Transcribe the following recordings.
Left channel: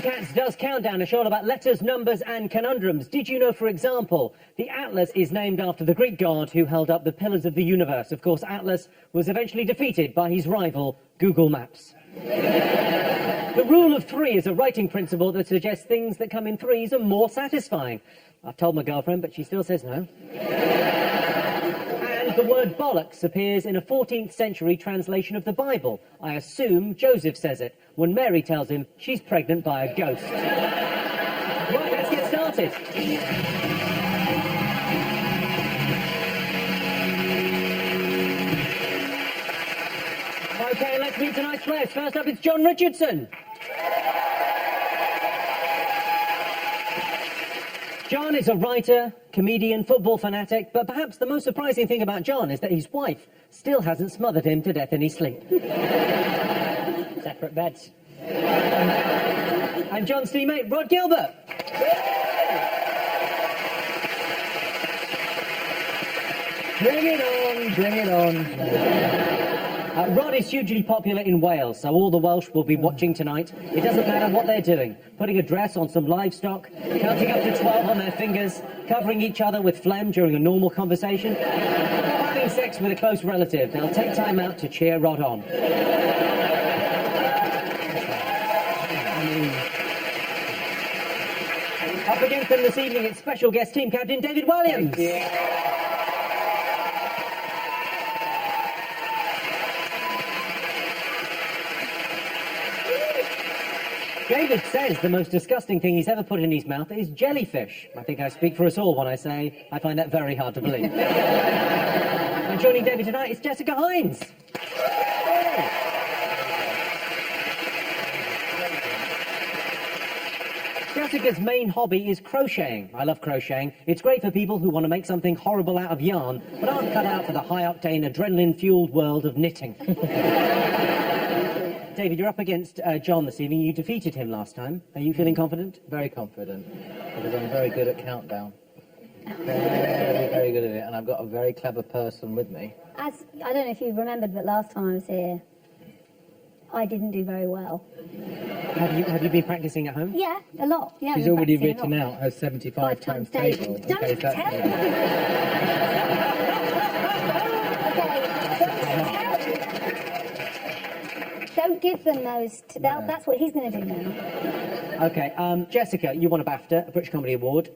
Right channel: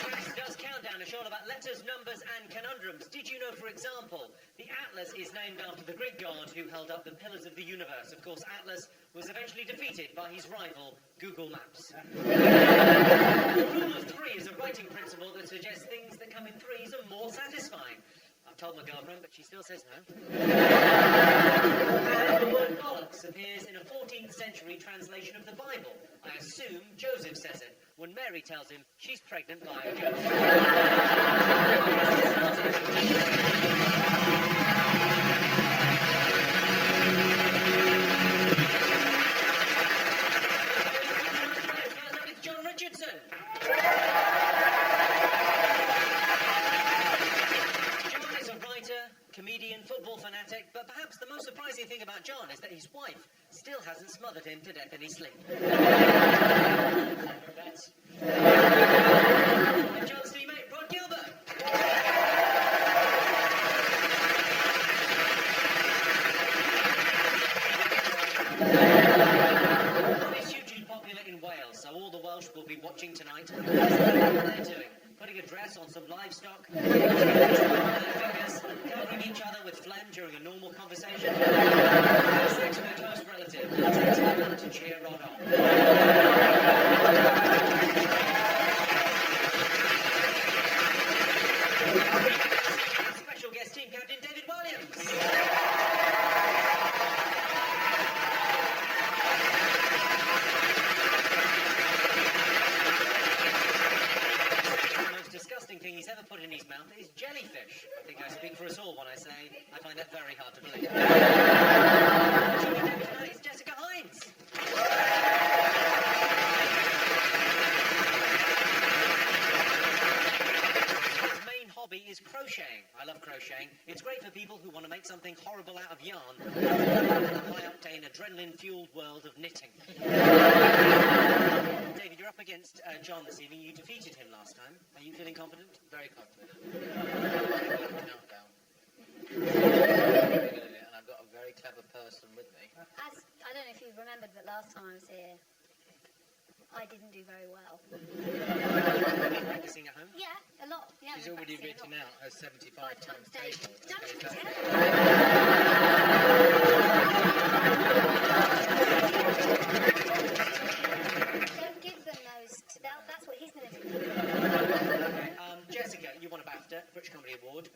Cats does Countdown, a show all about letters, numbers and conundrums. Did you know, for example, the Atlas is named after the Greek god who held up the pillars of the universe? Of course, Atlas was eventually defeated by his rival, Google Maps. The rule of three is a writing principle that suggests things that come in threes are more satisfying. I've told my girlfriend, but she still says no. And the word bollocks appears in a 14th century translation of the Bible. I assume Joseph says it when Mary tells him she's pregnant by a ghost. Right, let's get started. Okay, let's meet tonight's players. First up, it's John Richardson. John is a writer, comedian, football fanatic, but perhaps the most surprising thing about John is that his wife still hasn't smothered him to death in his sleep. Separate beds. And John's teammate, Rod Gilbert. Bring it on, bring it on. Rod is hugely popular in Wales, so all the Welsh will be watching tonight. It doesn't matter what they're doing. Putting a dress on some livestock, cutting up a 12 on their fingers, covering each other with phlegm during a normal conversation, having sex with a close relative. They'll take time out to cheer Rod on. Up against them this evening, it's special guest team captain David Williams. David says the most disgusting thing he's ever put in his mouth is jellyfish. I think I speak for us all when I say I find that very hard to believe. And joining David tonight is Jessica Hines. Jessica's main hobby is crocheting. I love crocheting. It's great for people who want to make something horrible out of yarn, but aren't cut out for the high-octane, adrenaline-fueled world of knitting. David, you're up against John this evening. You defeated him last time. Are you feeling confident? Very confident, because I'm very good at Countdown. Very good at it, and I've got a very clever person with me. I don't know if you remembered, but last time I was here, I didn't do very well. Have you been practising at home? Yeah, a lot. Yeah, She's already written out her 75 times table. Don't tell me. Don't give them those. That's what he's going to do now. Okay, Jessica, you won a BAFTA, a British Comedy Award.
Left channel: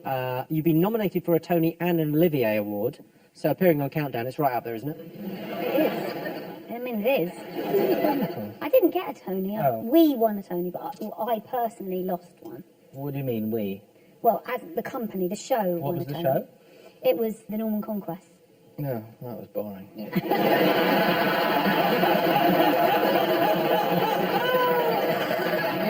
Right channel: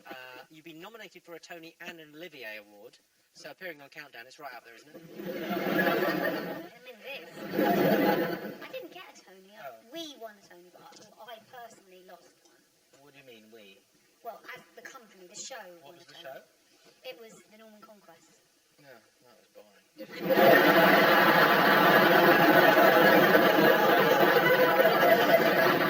You've been nominated for a Tony and an Olivier Award. So appearing on Countdown, it's right up there, isn't it? I mean, it is. I didn't get a Tony. Oh. We won a Tony, but I personally lost one. What do you mean, we? Well, as the company, the show What won was a the Tony. show? It was The Norman Conquest. No, that was boring.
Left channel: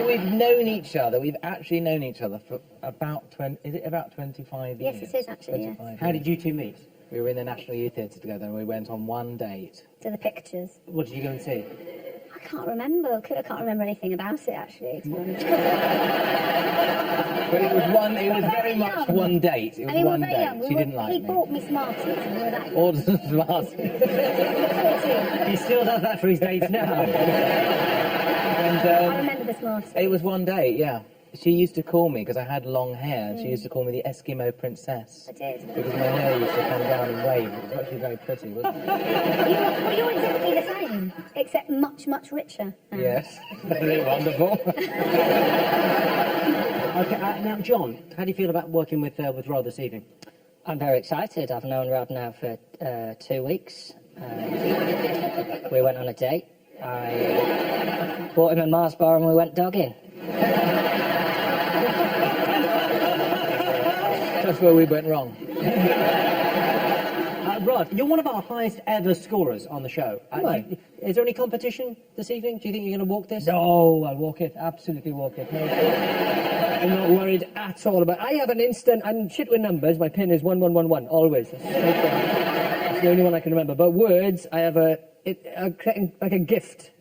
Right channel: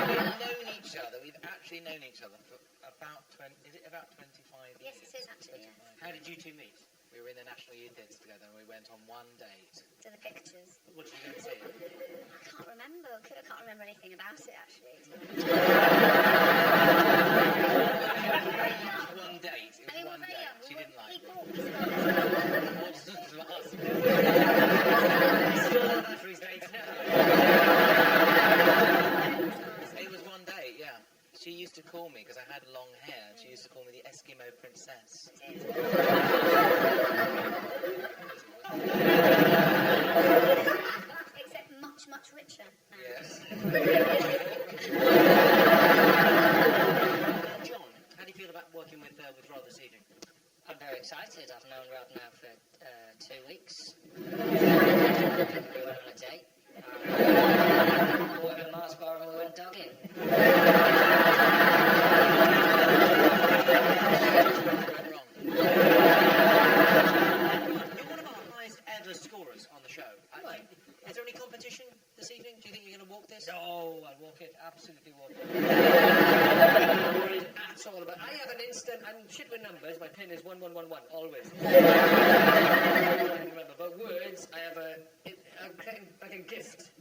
We've known each other. We've actually known each other for about 25 years? Yes, it is actually, yes. How did you two meet? We were in the National Youth Theatre together and we went on one date. To the pictures. What did you go and see? I can't remember. I can't remember anything about it, actually. To be honest. But it was very much one date. It was one date. She didn't like me. He bought me Smarties. Orders of Smarties. He still does that for his dates now. I remember the Smarties. It was one date, yeah. She used to call me, because I had long hair, she used to call me the Eskimo Princess. I did. Because my hair used to come down and wave. It was actually very pretty, wasn't it? You're the same, except much, much richer. Yes. Wonderful. Okay, now, John, how do you feel about working with Rod this evening? I'm very excited. I've known Rod now for 2 weeks. We went on a date. I bought him a Mars bar and we went dogging. That's where we went wrong. Rod, you're one of our highest ever scorers on the show. Is there any competition this evening? Do you think you're going to walk this? No, I'll walk it. Absolutely walk it. I'm not worried at all about. I have an instant. I'm shit with numbers. My pin is 1111 always. That's the only one I can remember. But words, I have like a gift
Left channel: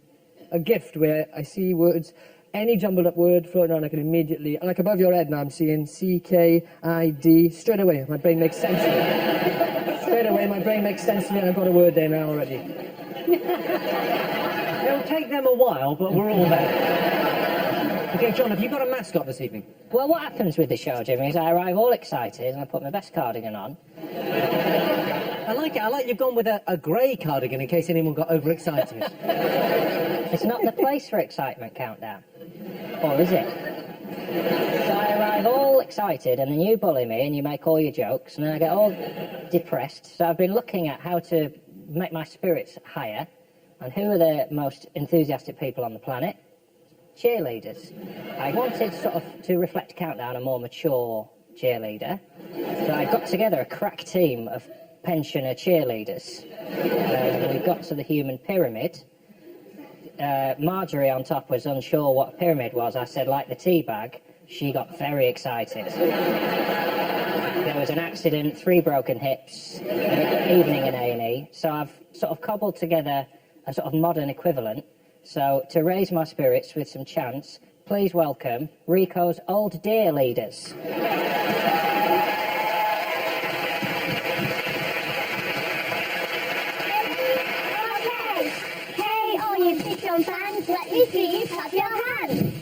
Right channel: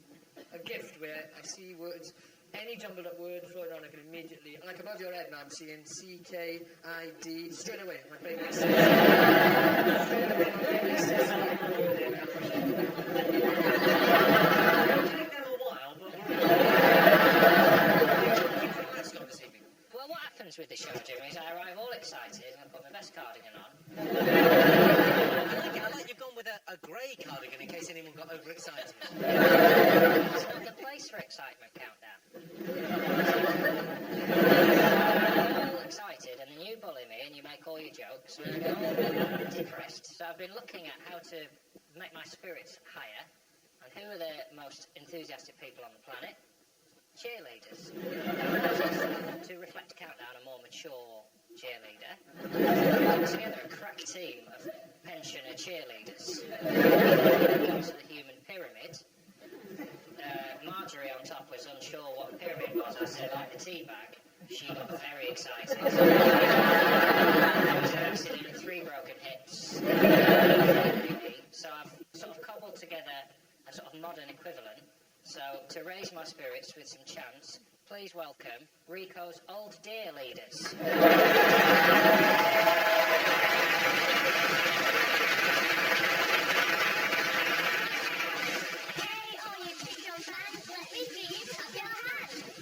where I see words. Any jumbled up word floating around, I can immediately, like above your head now, I'm seeing C-K-I-D, straight away, my brain makes sense. Straight away, my brain makes sense to me, I've got a word there now already. It'll take them a while, but we're all there. Okay, Hey, John, have you got a mascot this evening? Well, what happens with the show, Jimmy, is I arrive all excited and I put my best cardigan on. I like it. I like you've gone with a grey cardigan in case anyone got overexcited. It's not the place for excitement countdown. Or is it? I arrive all excited and then you bully me and you make all your jokes and then I get all depressed. So I've been looking at how to make my spirits higher. And who are the most enthusiastic people on the planet? Cheerleaders. I wanted sort of to reflect Countdown, a more mature cheerleader. So I got together a crack team of pensioner cheerleaders. We got to the human pyramid. Marjorie on top was unsure what a pyramid was. I said, like the tea bag. She got very excited. There was an accident, 3 broken hips, evening in A&E. So I've sort of cobbled together a sort of modern equivalent. So to raise my spirits with some chants, please welcome Rico's Old Deer Leaders. Hey, all you fish-on fans, let me see you clap your hands.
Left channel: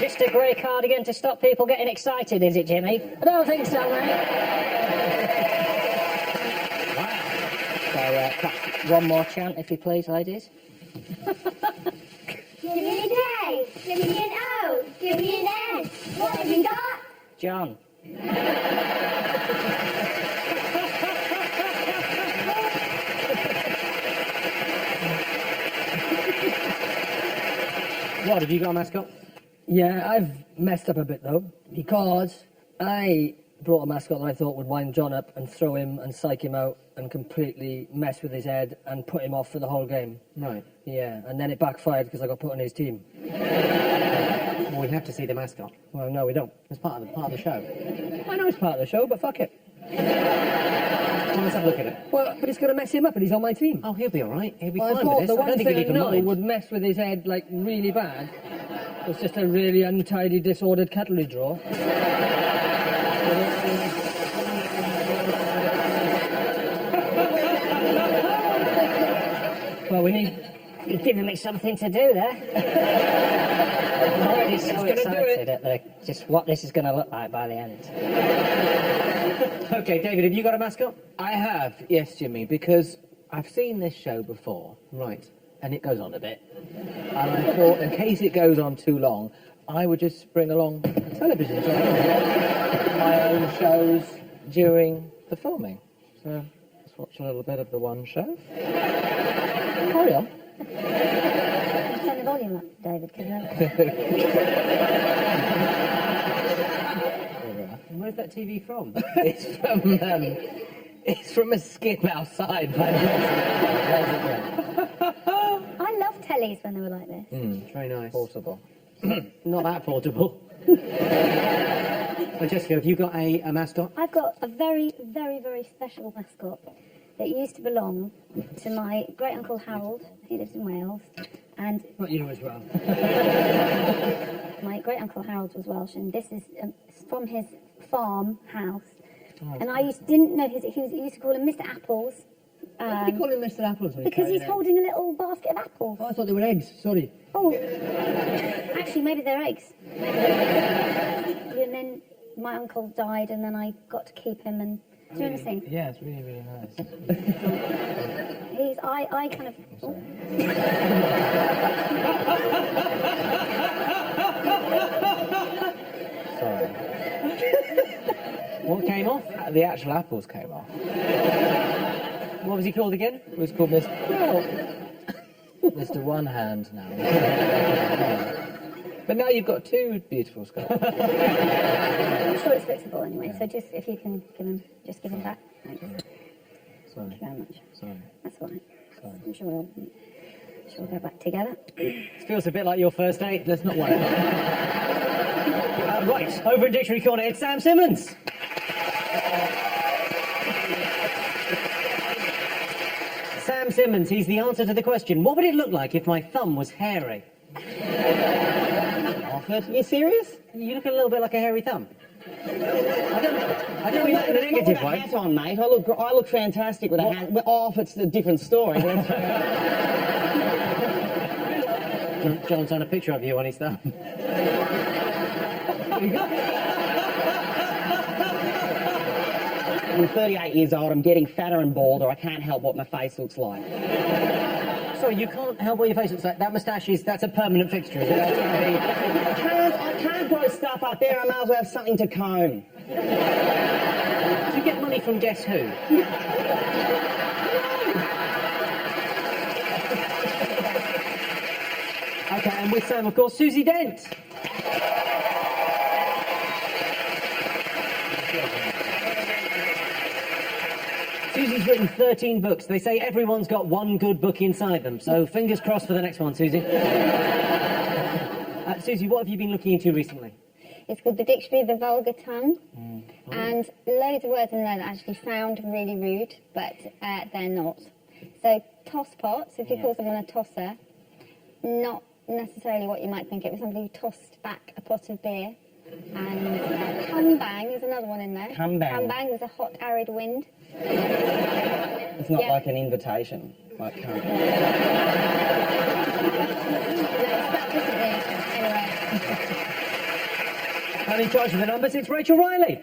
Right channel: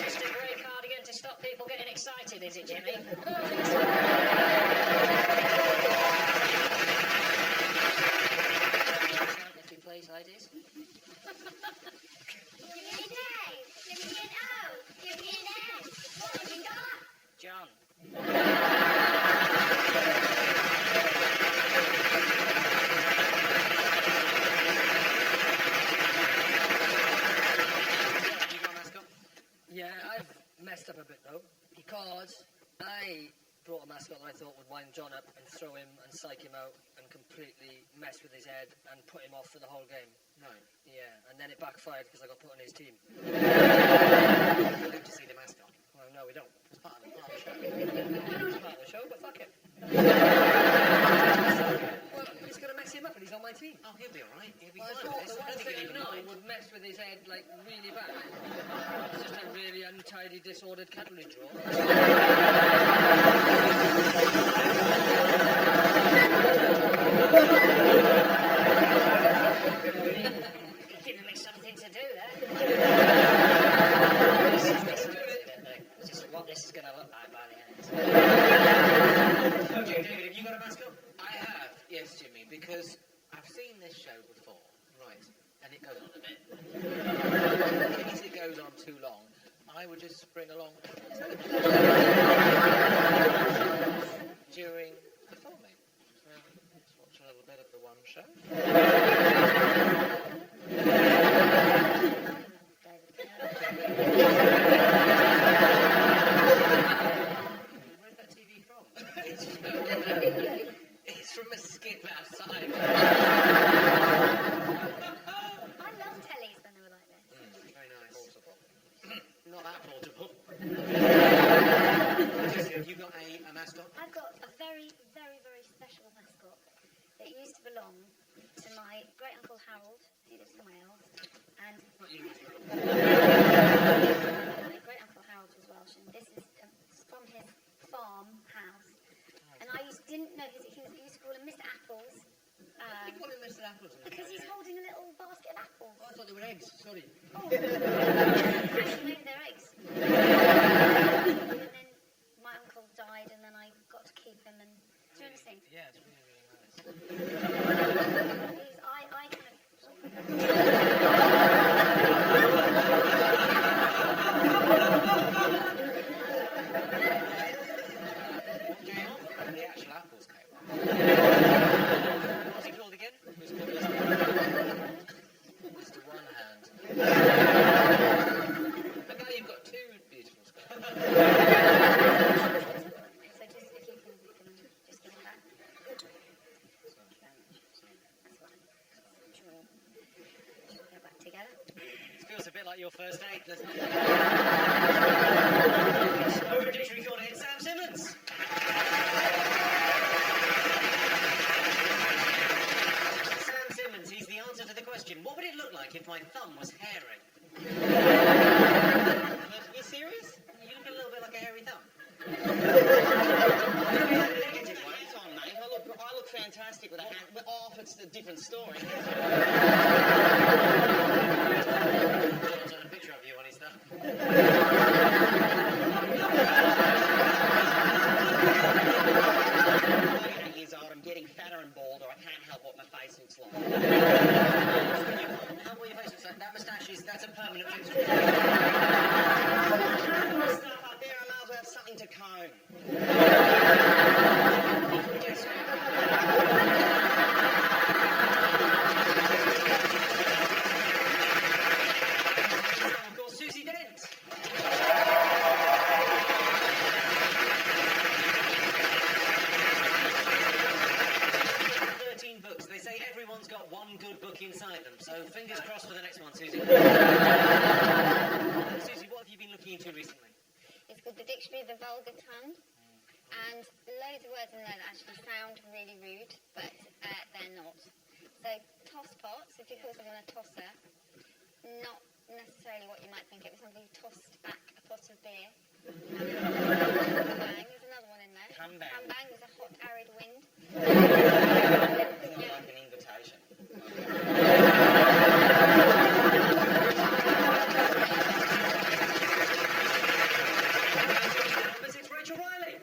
Just a grey cardigan to stop people getting excited, is it, Jimmy? I don't think so, mate. So, one more chant, if you please, ladies. Give me an A, give me an O, give me an N. What have you got? John. What, have you got a mascot? Yeah, I've messed up a bit though, because I brought a mascot that I thought would wind John up and throw him and psych him out and completely mess with his head and put him off for the whole game. Right. Yeah, and then it backfired because I got put on his team. Well, we have to see the mascot. Well, no, we don't. It's part of the show. I know it's part of the show, but fuck it. Let's have a look at it. Well, but it's going to mess him up and he's on my team. Oh, he'll be all right. He'll be Well, I fine thought with the this. I one don't think thing he'll I even know mind. would mess with his head, like, really bad was just a really untidy, disordered cutlery drawer. Well, we need... You've given me something to do there. I'm so excited at just what this is going to look like by the end. Okay, David, have you got a mascot? I have, yes, Jimmy, because I've seen this show before, Right. and it goes on a bit. And I thought, in case it goes on too long, I would just bring along a television shows during the filming. So let's watch a little bit of the one show. Hold on. Turn the volume up, David, Where's that TV from? It's from a skip outside. I love tellies when they were like this. Very nice. Portable. Not that portable. Jessica, have you got a mascot? I've got a very, very, very special mascot that used to belong to my great-uncle Harold. He lives in Wales. And Not you as well. my great-uncle Harold was Welsh, and this is from his farm house. And I didn't know he used to call him Mr. Apples. Why do you call him Mr. Apples? when Because carrying he's eggs? holding a little basket of apples. Oh, I thought they were eggs, sorry. Oh, actually, maybe they're eggs. And then my uncle died, and then I got to keep him and do anything. Yeah, it's really, really nice. I kind of. Oh. Sorry. What came off? The actual apples came off. What was he called again? It was called Mr. One Hand now. But now you've got 2 beautiful skulls. I'm sure it's fixable anyway, so just if you can give him back. Thanks. Sorry. Thank you very much. Sorry. That's all right. Sorry. I'm sure we'll go back together. This feels a bit like your first date. Let's not worry. Right, over in Dictionary Corner, it's Sam Simmons. Sam Simmons, he's the answer to the question, what would it look like if my thumb was hairy? Are you serious? You look a little bit like a hairy thumb. I don't mean that in a negative Put a way. hat on, mate. I look fantastic with a hat. Well, off, it's a different story. But John's done a picture of you on his thumb. I'm 38 years old. I'm getting fatter and balder. I can't help what my face looks like. Sorry, you can't help what your face looks like. That moustache that's a permanent fixture. I can't grow stuff up there. I might as well have something to comb. Do you get money from Guess Who? Okay, and with Sam, of course, Susie Dent. Susie's written 13 books. They say everyone's got one good book inside them, so fingers crossed for the next one, Susie. Susie, what have you been looking into recently? It's called the Dictionary of the Vulgar Tongue. And loads of words in there that actually sound really rude, but they're not. So tosspots, if you call someone a tosser, not necessarily what you might think. It was somebody who tossed back a pot of beer. And cumbang is another one in there. Cumbang. Cumbang was a hot, arid wind. It's not Yeah. like an invitation. Like, And in charge of the numbers, it's Rachel Riley.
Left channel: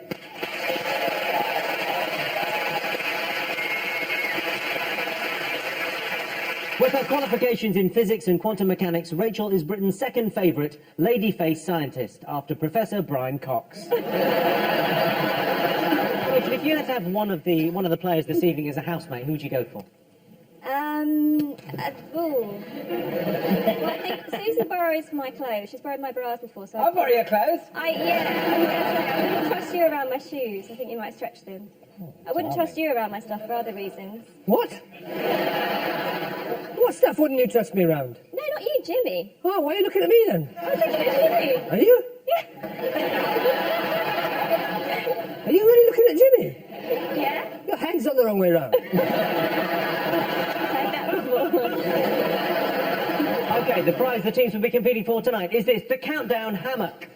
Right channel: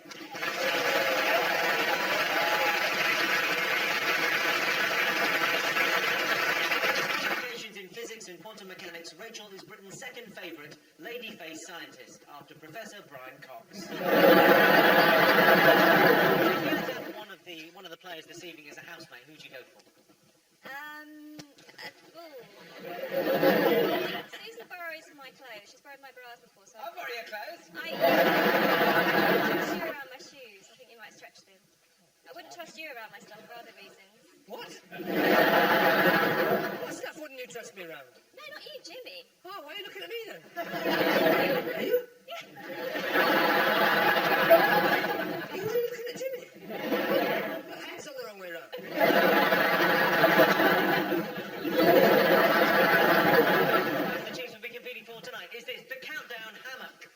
With her qualifications in physics and quantum mechanics, Rachel is Britain's second favourite lady-face scientist after Professor Brian Cox. If you had to have one of the players this evening as a housemate, who would you go for? Well, I think Susie borrows my clothes. She's borrowed my bras before, so I'll borrow your clothes. I wouldn't trust you around my shoes. I think you might stretch them. I wouldn't trust you around my stuff for other reasons. What? What stuff wouldn't you trust me around? No, not you, Jimmy. Oh, why are you looking at me then? I was looking at Jimmy. Are you? Yeah. Are you really looking at Jimmy? Yeah. Your hand's not the wrong way round. Okay, the prize the teams will be competing for tonight is this, the Countdown Hammock.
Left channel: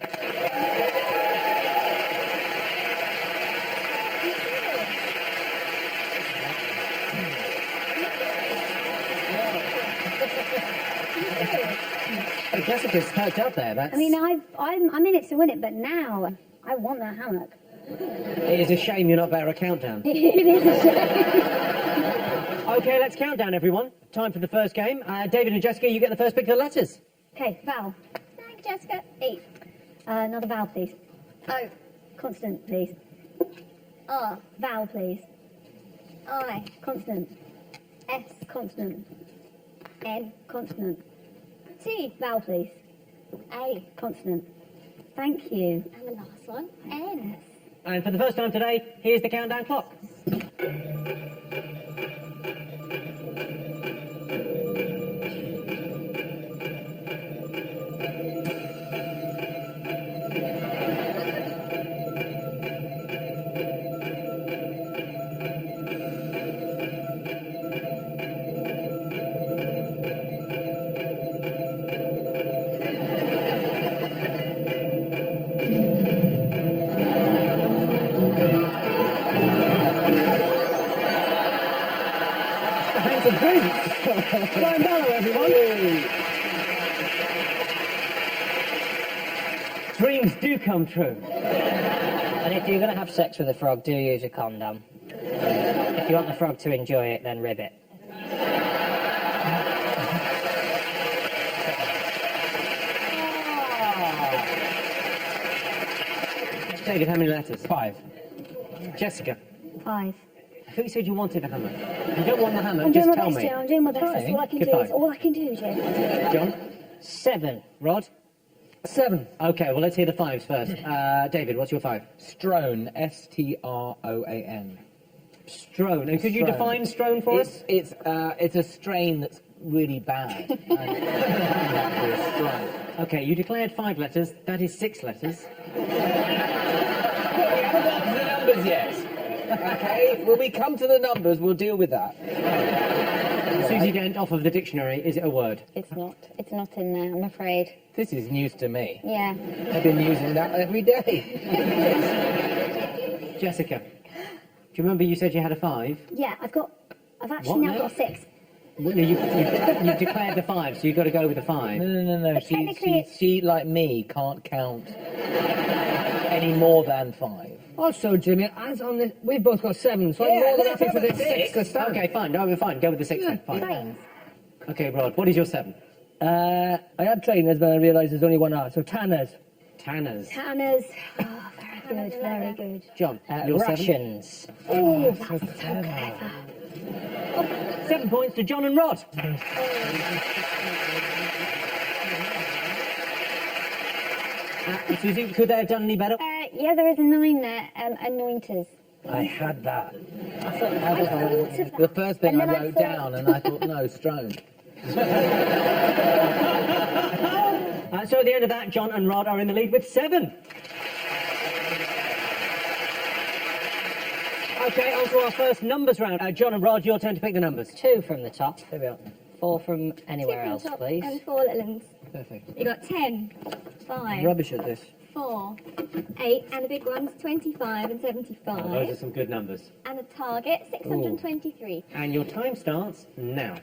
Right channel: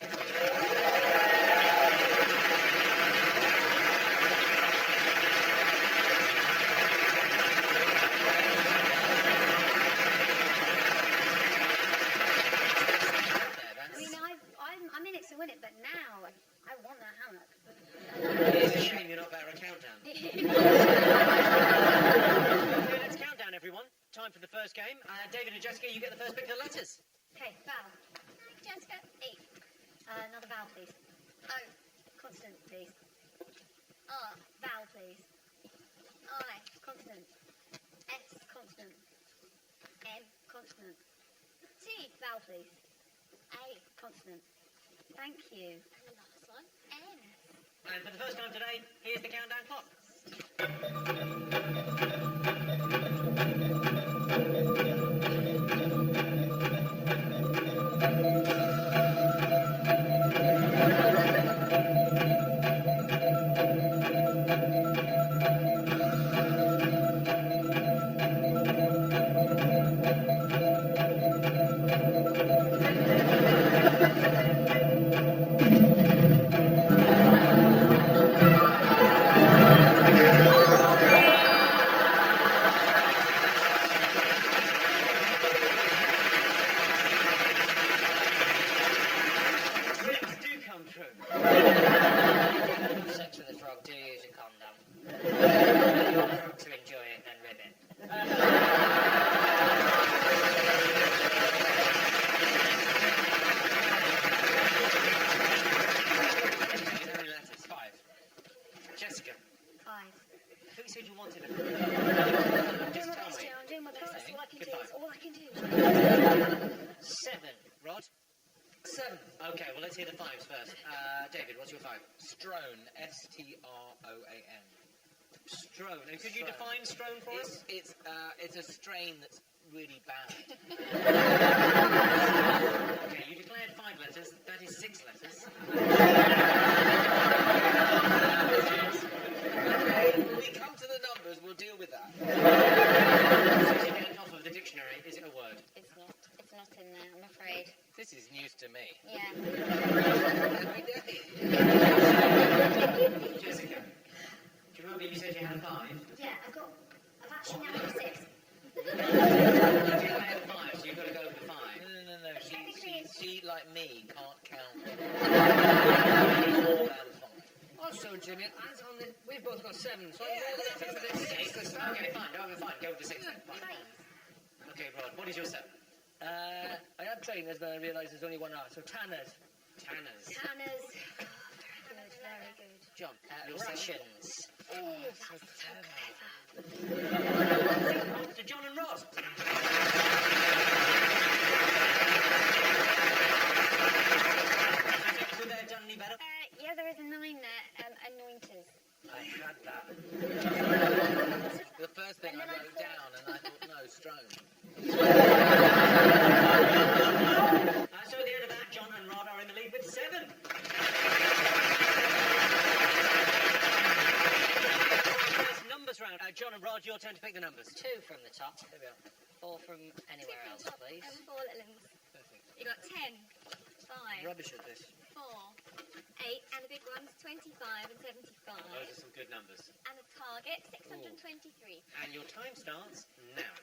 The precipice perked up there, that's... I mean, I'm in it to win it, but now I want that hammock. It is a shame you're not better at Countdown. It is a shame. Okay, let's count down, everyone. Time for the first game. David and Jessica, you get the first pick of the letters. Okay, vowel. Thank you, Jessica. E. Another vowel, please. O. Consonant, please. R. Vowel, please. I. Consonant. S. Consonant. N. Consonant. T. Vowel, please. A. Consonant. Thank you. And the last one, N. And for the first time today, here's the countdown clock. Dreams do come true. And if you're going to have sex with a frog, do use a condom. If you want the frog to enjoy it, then rib it. David, how many letters? 5. Jessica, 5. I thought you said you wanted the hammock. You don't want the hammock, I'm doing just my tell best, me. Jim. I'm doing my best. That's all I can Good do. five. It's all I can do, Jim. 7. Rod? 7. Okay, well, let's hear the fives first. David, what's your 5? Strone. S-T-R-O-A-N. Strone. And could you Strone. define strone for us? It's a strain that's really bad. Okay, you declared 5 letters. That is 6 letters. Yes. When we come to the numbers, we'll deal with that. Susie Dent, off of the dictionary, is it a word? It's not. It's not in there, I'm afraid. This is news to me. Yeah. I've been using that every day. Jessica, do you remember you said you had a 5? Yeah, I've actually What now now? got a 6. You declared the 5, so you've got to go with the 5. No. technically She, like me, can't count any more than 5. Also, Jimmy, as on this, we've both got 7, so I'm more than happy for the 6 to start. Okay, fine. No, we're fine. Go with the 6 then. Fine. Trains. Okay, Rod, what is your 7? I had trainers, but I realised there's only one R, so tanners. Tanners. Tanners. Oh, very good, very good. John, your 7? Rations. Oh, 7 points to John and Rod. Susie, could they have done any better? yeah, there is a 9 there. Anointers. I had that. The first thing I And then I wrote thought- down, and I thought, no, Strone. So at the end of that, John and Rod are in the lead with 7. Okay, on to our first numbers round. John and Rod, your turn to pick the numbers. 2 from the top, There we are. 4 from anywhere else, please. And 4 little ones. Perfect. You got 10, 5, Rubbish at this. 4, 8, and the big ones 25 and 75. Those are some good numbers. And the target 623. And your time starts now.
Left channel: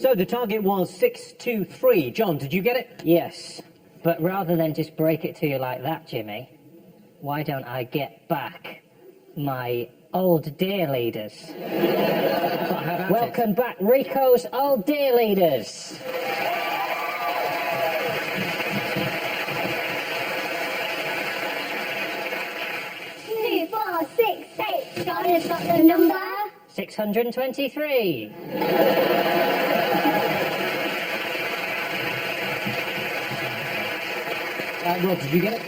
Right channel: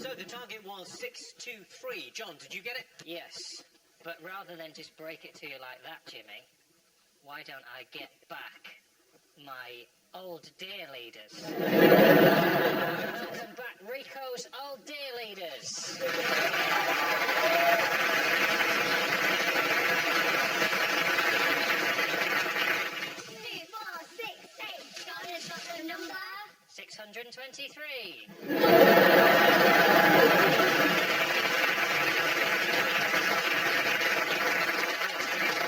So the target was 623. John, did you get it? Yes, but rather than just break it to you like that, Jimmy, why don't I get back my old dear leaders? Welcome back, Rico's old dear leaders. 2, 4, 6, 8. Guys, got the number. 623. Rod, did you get it?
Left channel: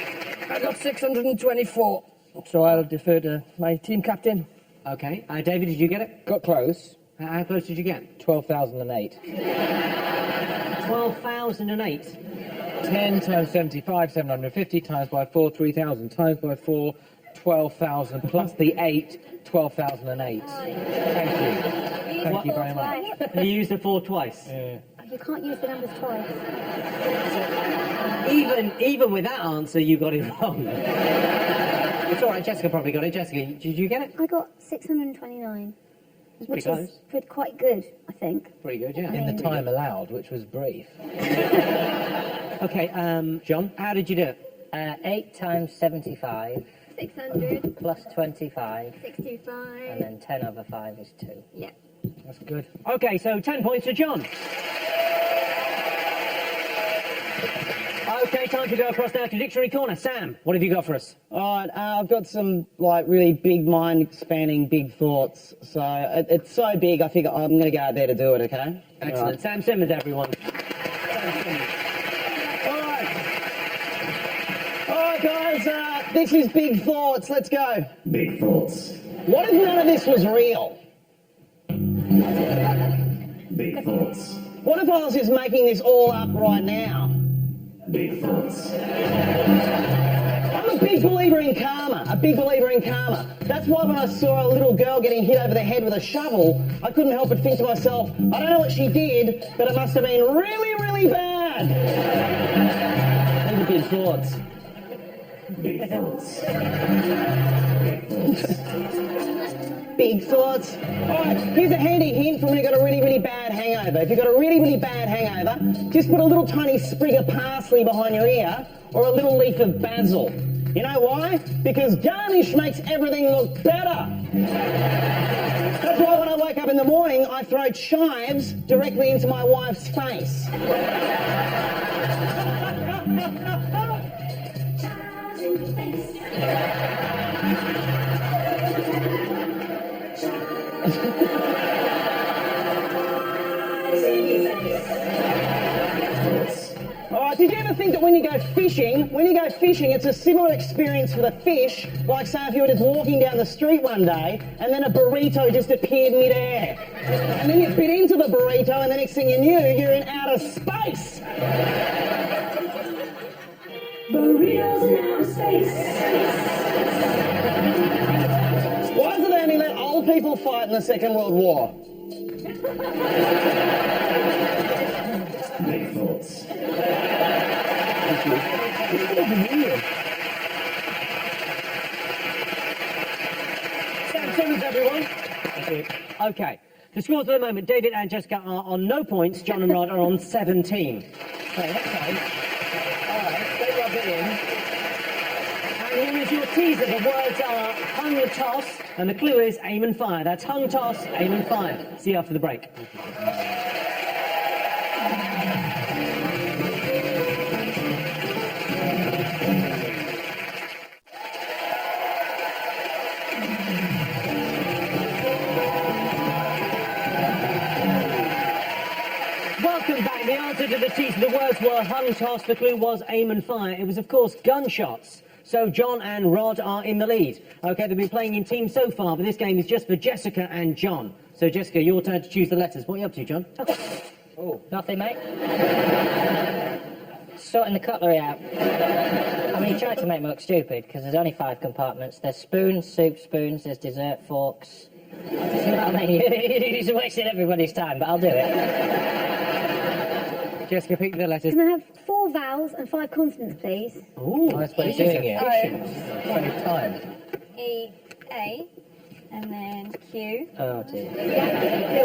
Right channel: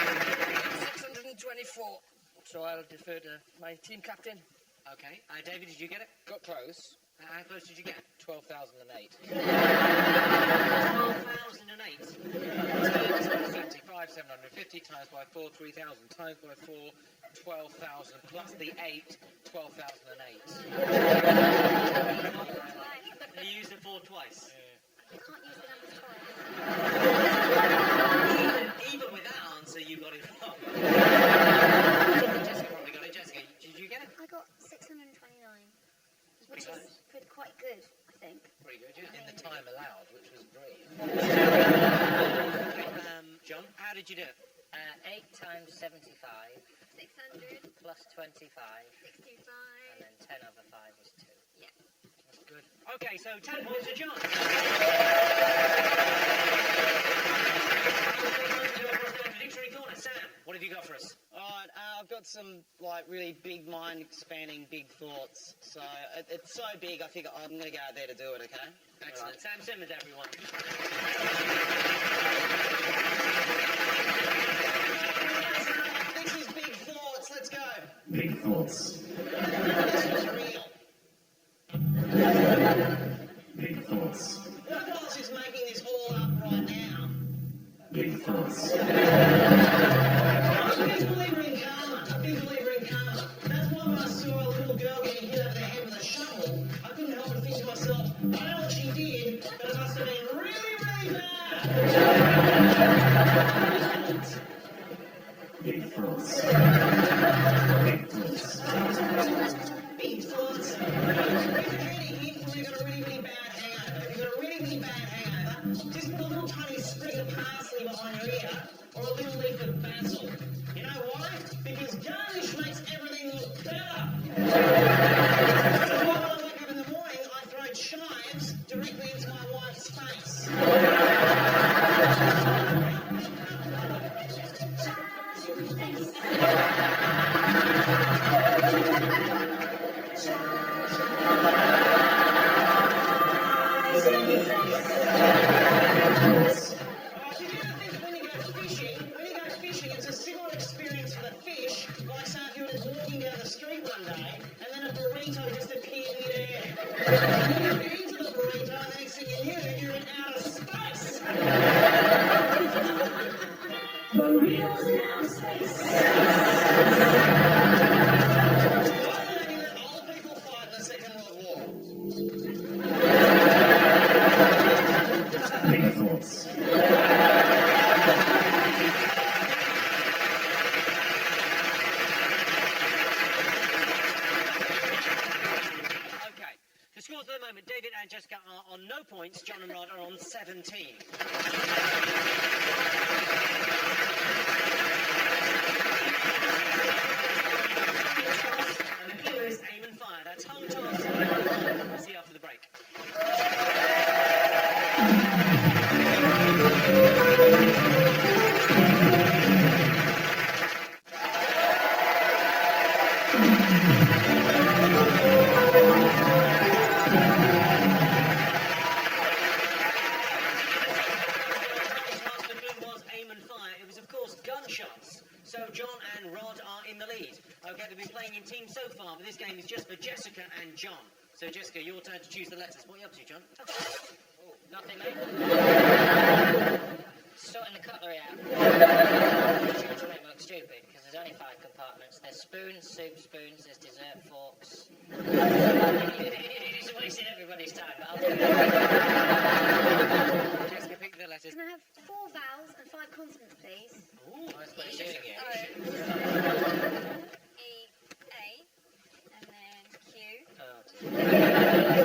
I got 624, so I'll defer to my team captain. Okay. David, did you get it? Got close. How close did you get? 12,008. 12,008. 10 times 75, 750, times by 4, 3,000, times by 4, 12,000, plus the 8, 12,008. Thank you very much. You used the 4 twice. You can't use the numbers twice. Even with that answer, you got it wrong. It's all right, Jessica probably got it. Jessica, did you get it? I got 629. Which pretty is quite good, I think. Pretty good, yeah. In the time allowed, which was brief. Okay, John, how did you do it? 8 times 75 600, plus 25, 625. and then 10 over 5 is 2. Yeah. That's good. Okay, so 10 points to John. Okay, time to go across now to Dictionary Corner. Sam, what have you got for us? All right, I've got some like really big mind-expanding big thoughts. So it's so big, I think I'm going to go out there to do it. Okay. Excellent. Sam Simmons, everyone. All right, guys. This is big thoughts. Let's go. Big thoughts. What if none of this was real? Big thoughts. What if I was just making this all up right now? Big thoughts. I'm a big believer in karma, a big believer in karma. That's why when I saw a little girl getting hit over the head with a shovel, I couldn't help but think to myself, I don't know what she did, but it must have been really, really bad. Those are big thoughts. Big thoughts. Big thoughts. Big thoughts. Here's a handy hint for when you've got a really, really bad hangover. If you've got a really, really bad hangover, just put a little tiny sprig of parsley behind your ear or a little leaf of basil. You know why? Because garnish makes everything look better. That's why when I wake up in the morning, I throw chives directly into my wife's face. Did you ever think that when you go fishing, it's a similar experience for the fish, like say if you were just walking down the street one day and then a burrito just appeared mid-air. And then you bit into the burrito and the next thing you knew, you're in outer space. Burritos in outer space. Why did they only let old people fight in the Second World War? Big thoughts. Okay. The scores at the moment, David and Jessica are on no points. John and Rod are on 17. Okay, that's fine. All right, very well done. And here is your teaser. The words are hung and toss, and the clue is aim and fire. That's hung, toss, aim and fire. See you after the break. The words were hung, toss, the clue was aim and fire. It was, of course, gunshots. So John and Rod are in the lead. Okay, they've been playing in teams so far, but this game is just for Jessica and John. So, Jessica, your turn to choose the letters. What are you up to, John? Okay. Oh, nothing, mate. Sorting the cutlery out. You tried to make me look stupid, because there's only 5 compartments. There's spoons, soup spoons, there's dessert forks. You're wasting everybody's time, but I'll do it. Jessica, pick the letters. Can I have 4 vowels and 5 consonants, please? Ooh, Nice way of doing it. E, A, and then Q. Oh, dear. Do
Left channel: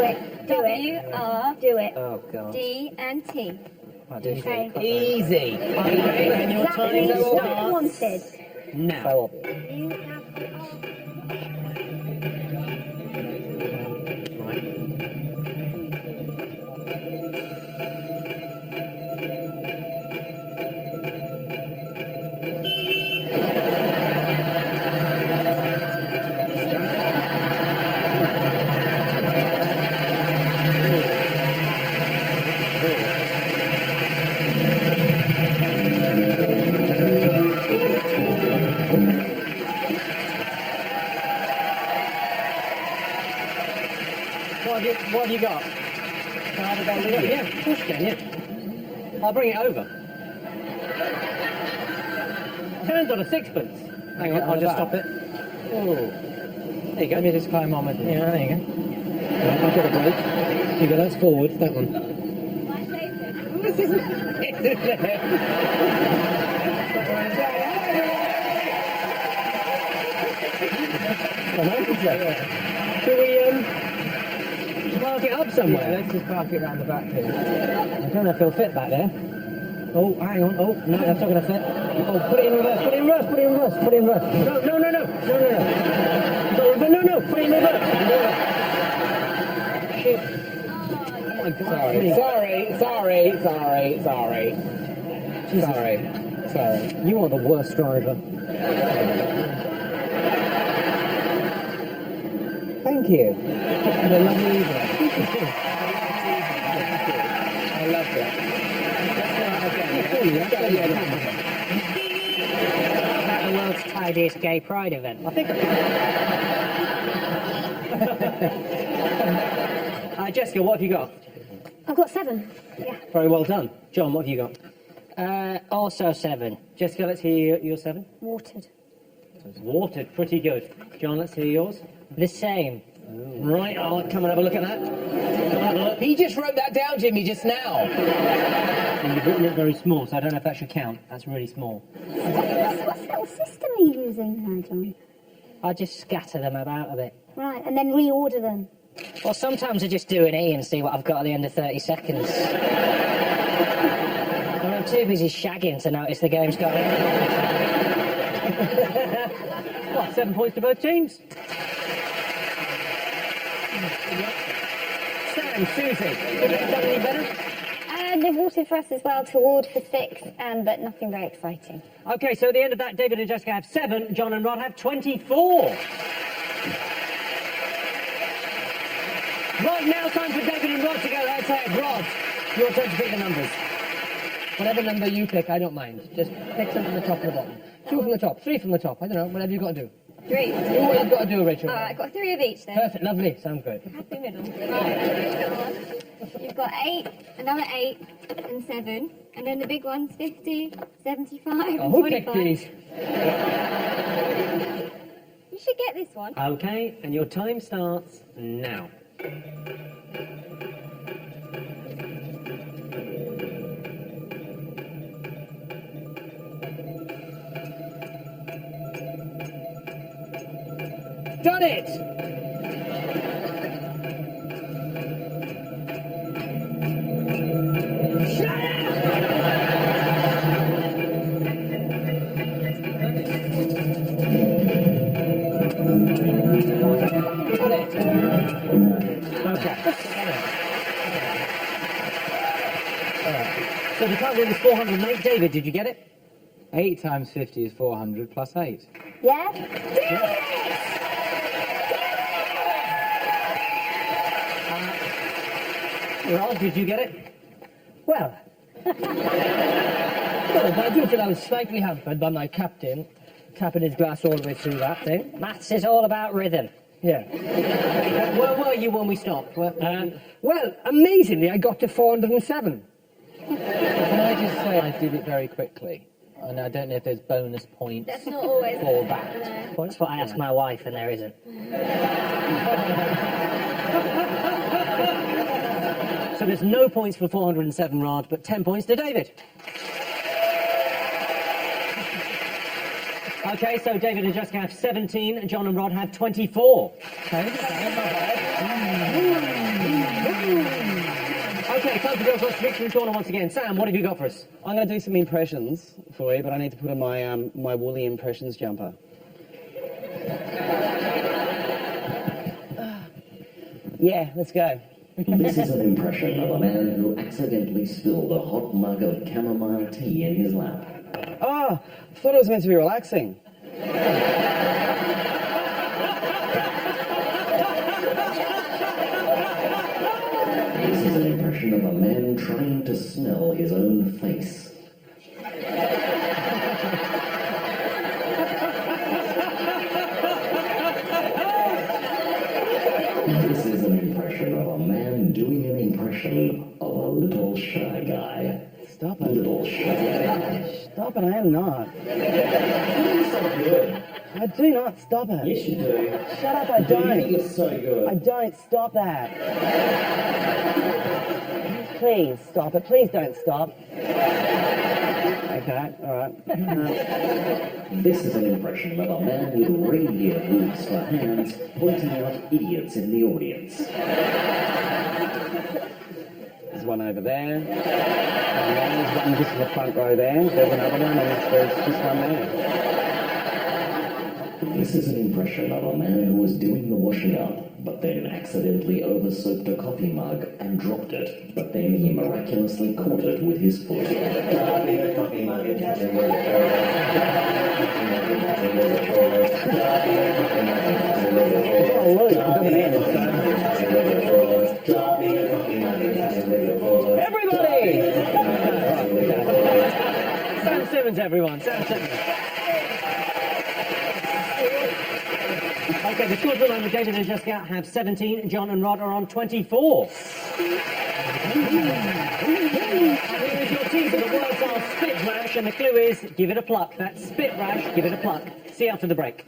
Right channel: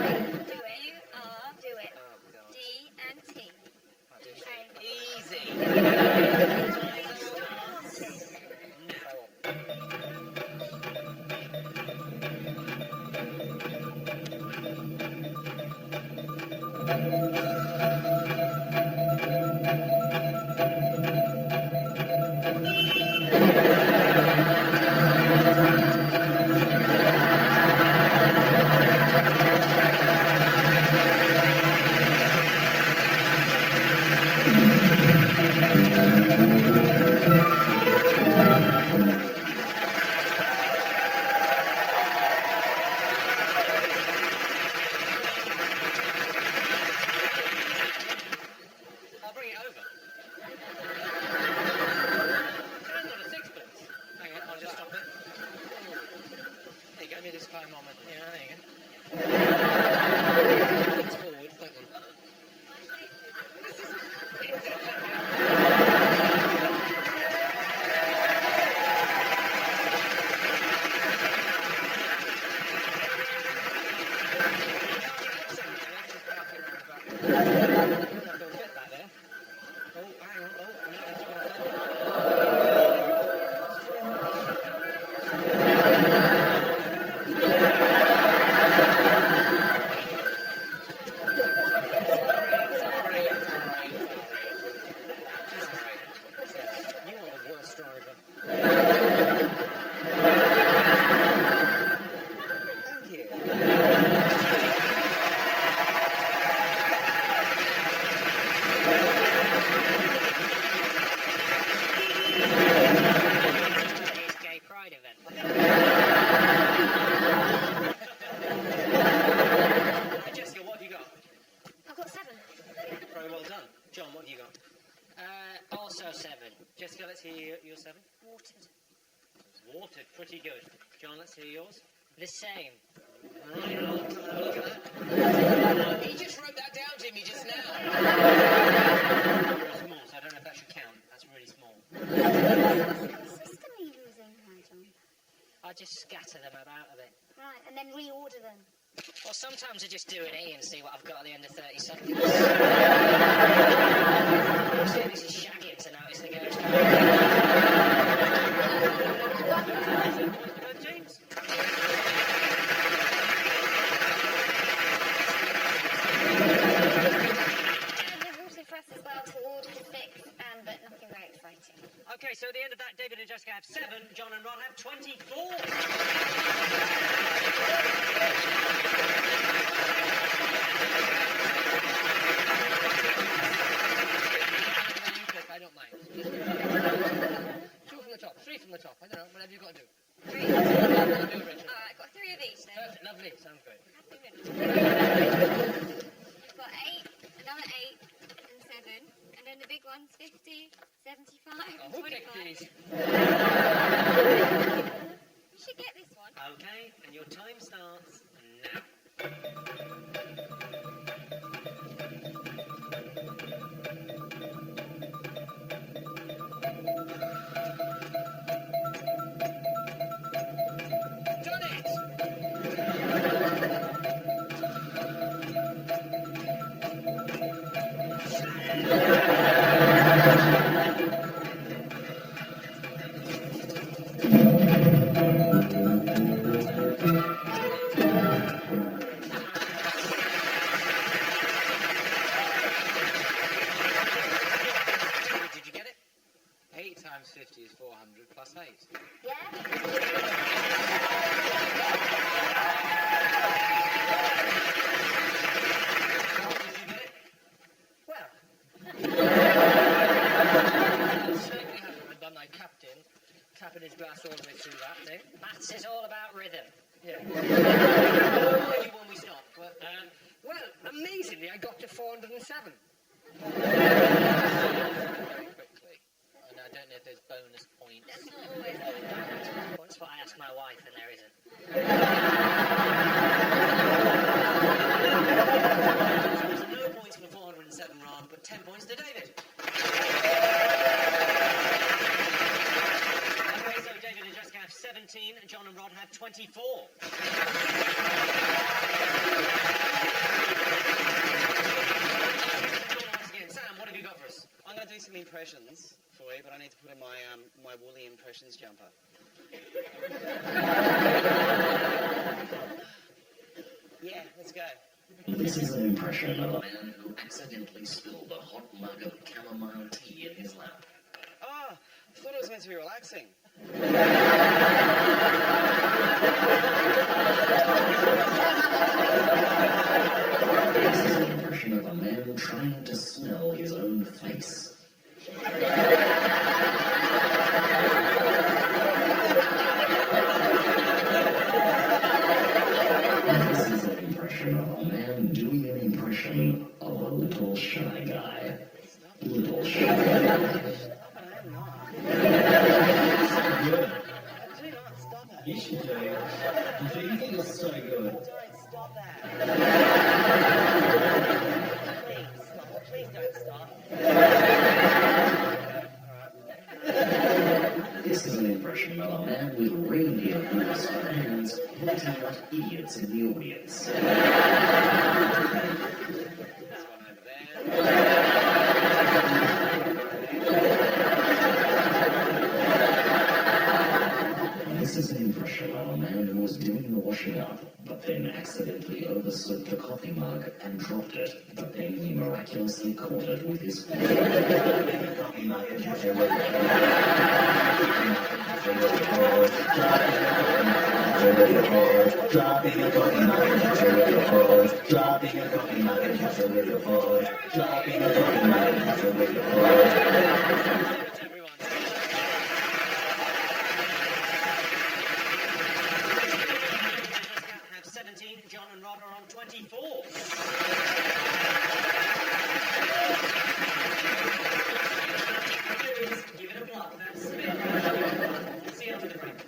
it. W, R. Do it. Oh, God. D and T. I'll do Okay. Easy. Exactly what I wanted. Now. What have you got? I'll bring it over. Turns on a sixpence. Hang on, I'll just stop it. Oh. There you go. Let me just climb on with it. Yeah, there you go. I've got a break. There you go, that's forward, that one. Come on, should we park it up somewhere? Let's just park it around the back here. I don't know if it'll fit back there. Oh, hang on. Oh, no, that's not going to fit. Oh, put it in reverse, put it in reverse, put it in reverse, put it in reverse. No, no, no, no, no, no, no, no, put it in reverse. Sorry. You are the worst driver. Thank you. I love it. The world's tidiest gay pride event. I think... Jessica, what have you got? I've got 7. Yeah. Very well done. John, what have you got? Also 7. Jessica, let's hear your 7. Watered. Watered, pretty good. John, let's hear yours. The same. Right, I'll come and have a look at that. He just wrote that down, Jimmy, just now. It's not very small, so I don't know if that should count. That's really small. What little system are you using there, John? I just scatter them about a bit. Right, and then reorder them. Well, sometimes I just do an E and see what I've got at the end of 30 seconds. And I'm too busy shagging to notice the game's going. 7 points to both teams. Susie. They've watered for us as well, toward for 6, but nothing very exciting. Okay, so at the end of that, David and Jessica have 7, John and Rod have 24. Whatever number you pick, I don't mind. Just pick from the top of the bottom. 2 from the top, 3 from the top. I don't know, whatever you've got to do. 3. What I've got to do, Rachel. All right, I've got 3 of each then. Perfect, lovely. Sounds great. Happy middle. You've got 8, another 8, and 7. And then the big one's 50, 75, Oh, and who 25. picked these? You should get this one. Okay, and your time starts now. Done it! So the target was 408. David, did you get it? 8 times 50 is 400 plus 8. Yeah? Ralph, did you get it? Well, I do feel I was slightly hampered by my captain tapping his glass all the way through that thing. Maths is all about rhythm. Yeah. Where were you when we stopped? Well, amazingly, I got to 407. Can I just say I did it very quickly? And I don't know if there's bonus points That's not always. for that. That's what I asked my wife, and there isn't. So there's no points for 407, Rod, but 10 points to David. Okay, so David and Jessica have 17, John and Rod have 24. Okay, time to go for a switching corner once again. Sam, what have you got for us? I'm going to do some impressions for you, but I need to put on my my woolly impressions jumper. Yeah, let's go. This is an impression of a man who accidentally spilled a hot mug of chamomile tea in his lap. Oh, I thought it was meant to be relaxing. This is an impression of a man trying to smell his own face. This is an impression of a man doing an impression of a little shy guy. Stop it. Little shy guy. Stop it, I am not. I do not. Stop it. Yes, you do. Shut up, I don't. It's so good. I don't. Stop that. Please stop it. Please don't stop. Okay, alright. This is an impression of a man with reindeer hooves for hands pointing out idiots in the audience. There's one over there. There's the front row there. There's another one, and there's just one there. This is an impression of a man who was doing the washing up, but then accidentally oversoaked a coffee mug and dropped it, but then he miraculously caught it with his foot. Everybody! Sam Simmons, everyone. Sam Simmons. Okay, the scores are on the David and Jessica have 17, John and Rod are on 24. Here's your team, the words are spit rash, and the clue is give it a pluck. That's spit rash, give it a pluck. See you after the break.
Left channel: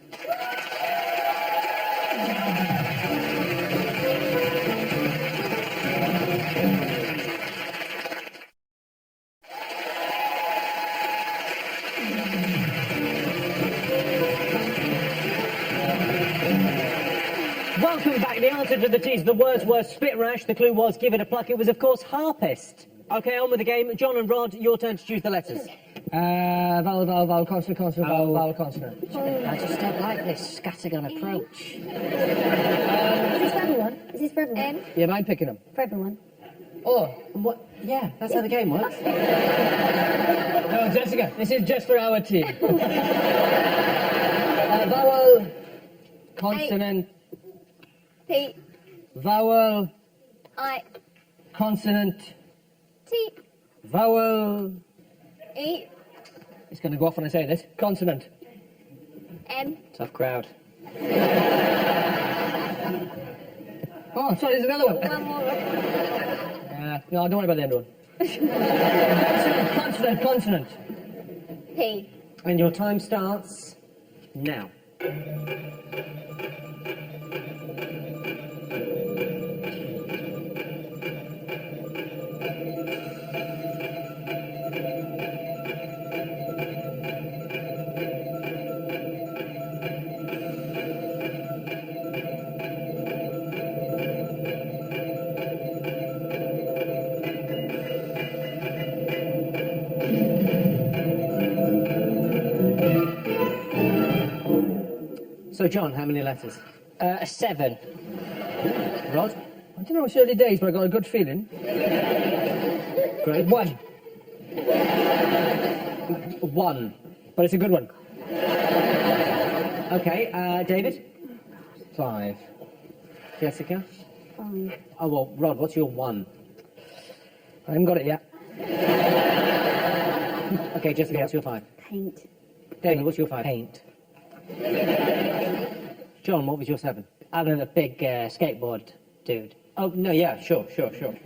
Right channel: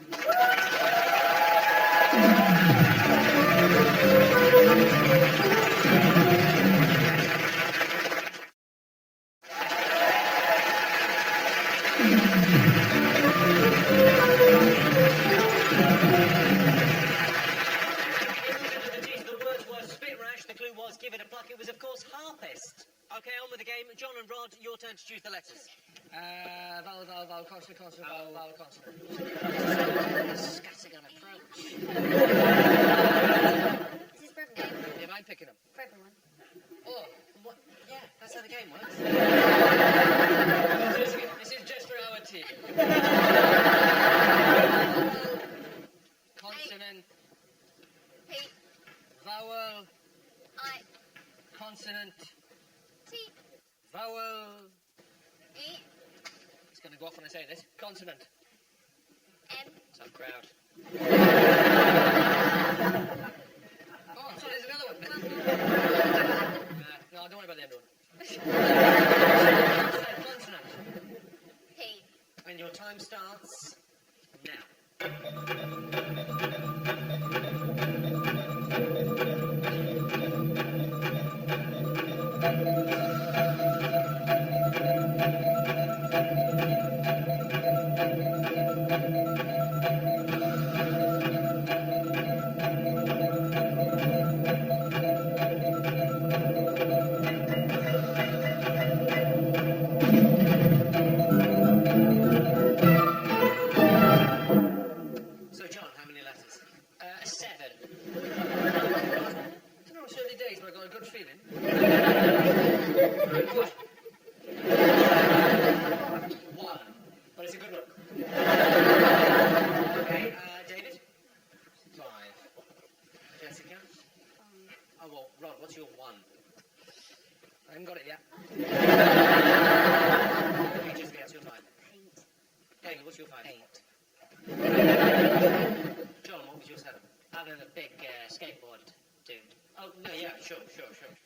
Welcome back. The answer to the tease, the words were spit rash, the clue was give it a pluck. It was, of course, harpist. Okay, on with the game. John and Rod, your turn to choose the letters. Vowel, vowel, vowel, consonant, consonant, vowel, vowel, consonant. I just don't like this scattergun approach. Is this for everyone? Yeah, I'm picking them. For everyone. Oh, What? Yeah, that's how the game works. Jessica, this is just for our team. Vowel, consonant, P, vowel, I, consonant, T, vowel, E. It's going to go off when I say this. Consonant. M. Tough crowd. Oh, sorry, there's another one. One more. No, don't worry about the end one. Consonant, consonant. P. And your time starts now. So, John, how many letters? 7. Rod? I don't know, it's early days, but I got a good feeling. Great. 1. 1. But it's a good one. Okay, David? 5. Jessica? 5. Oh, well, Rod, what's your 1? I haven't got it yet. Okay, Jessica, what's your 5? Paint. David, what's your 5? Paint. John, what was your 7? I'm a big skateboard dude. Oh, no, yeah, sure.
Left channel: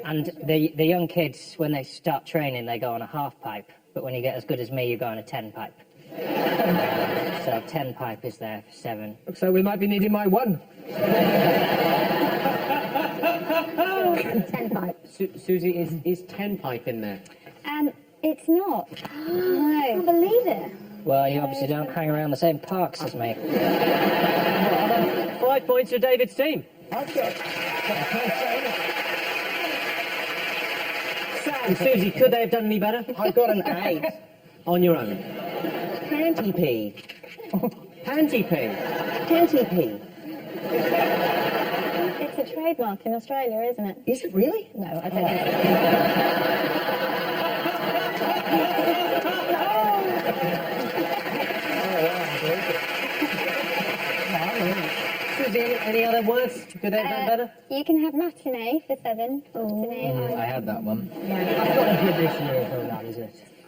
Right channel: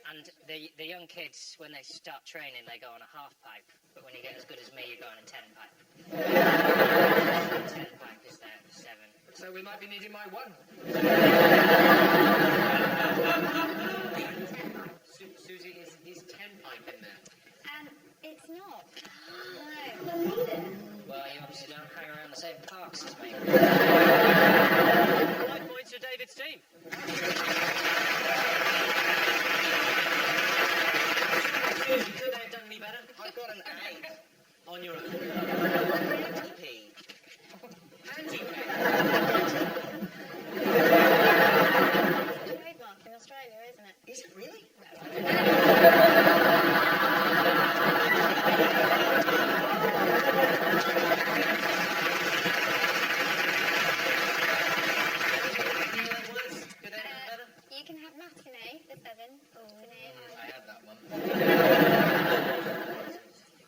And the young kids, when they start training, they go on a half pipe. But when you get as good as me, you go on a 10 pipe. So 10 pipe is there for 7. So we might be needing my 1. 10 pipe. Susie, is 10 pipe in there? It's not. No. I can't believe it. Well, you obviously don't hang around the same parks as me. 5 points for David's team. Sam, Susie, could they have done any better? I got an 8. On your own. Panty pee. Panty pee. Panty pee. It's a trademark in Australia, isn't it? Is it really? No, I don't know. Susie, any other words? Could they have done better? You can have matinee for 7. Matinee. I had that one.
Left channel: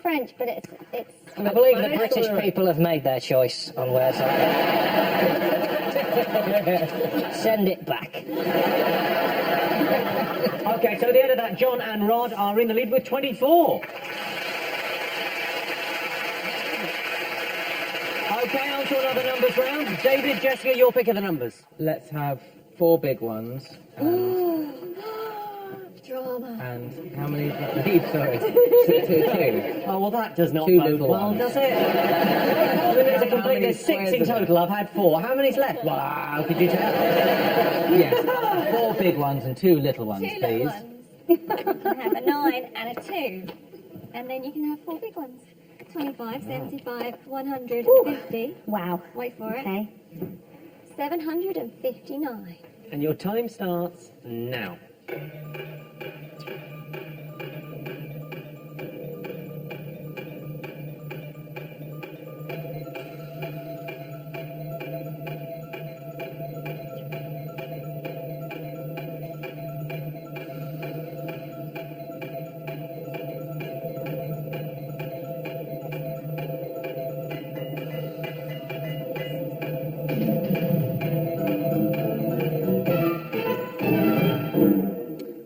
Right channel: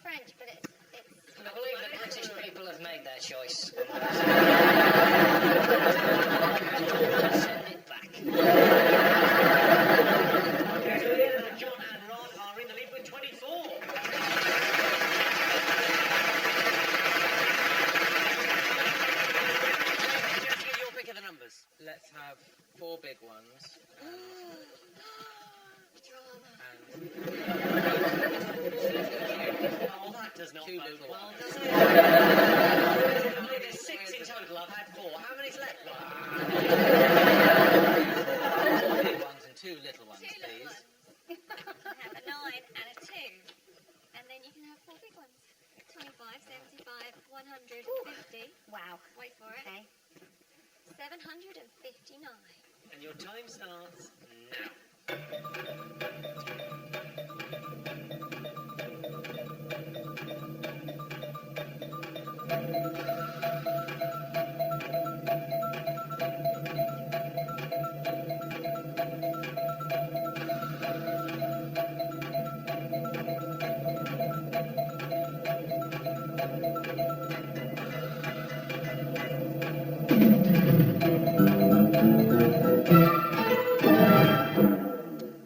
French, but it's I believe the British people have made their choice on words. Send it back. Okay, so at the end of that, John and Rod are in the lead with 24. Okay, on to another numbers round. David, Jessica, your pick of the numbers. Let's have 4 big ones. drama. And how many? Sorry. 2. Oh, well, that does not 2 bode little well, ones. does it? To complete, there's 6 in total. I've had 4. How many's left? Wow, could you tell? Yes. 4 big ones and 2 little ones, 2 please. little ones. You can have a 9 and a 2. And then you can have 4 big ones. 25, 75, 150. Wow. Wait for it. Okay. 759. And your time starts now.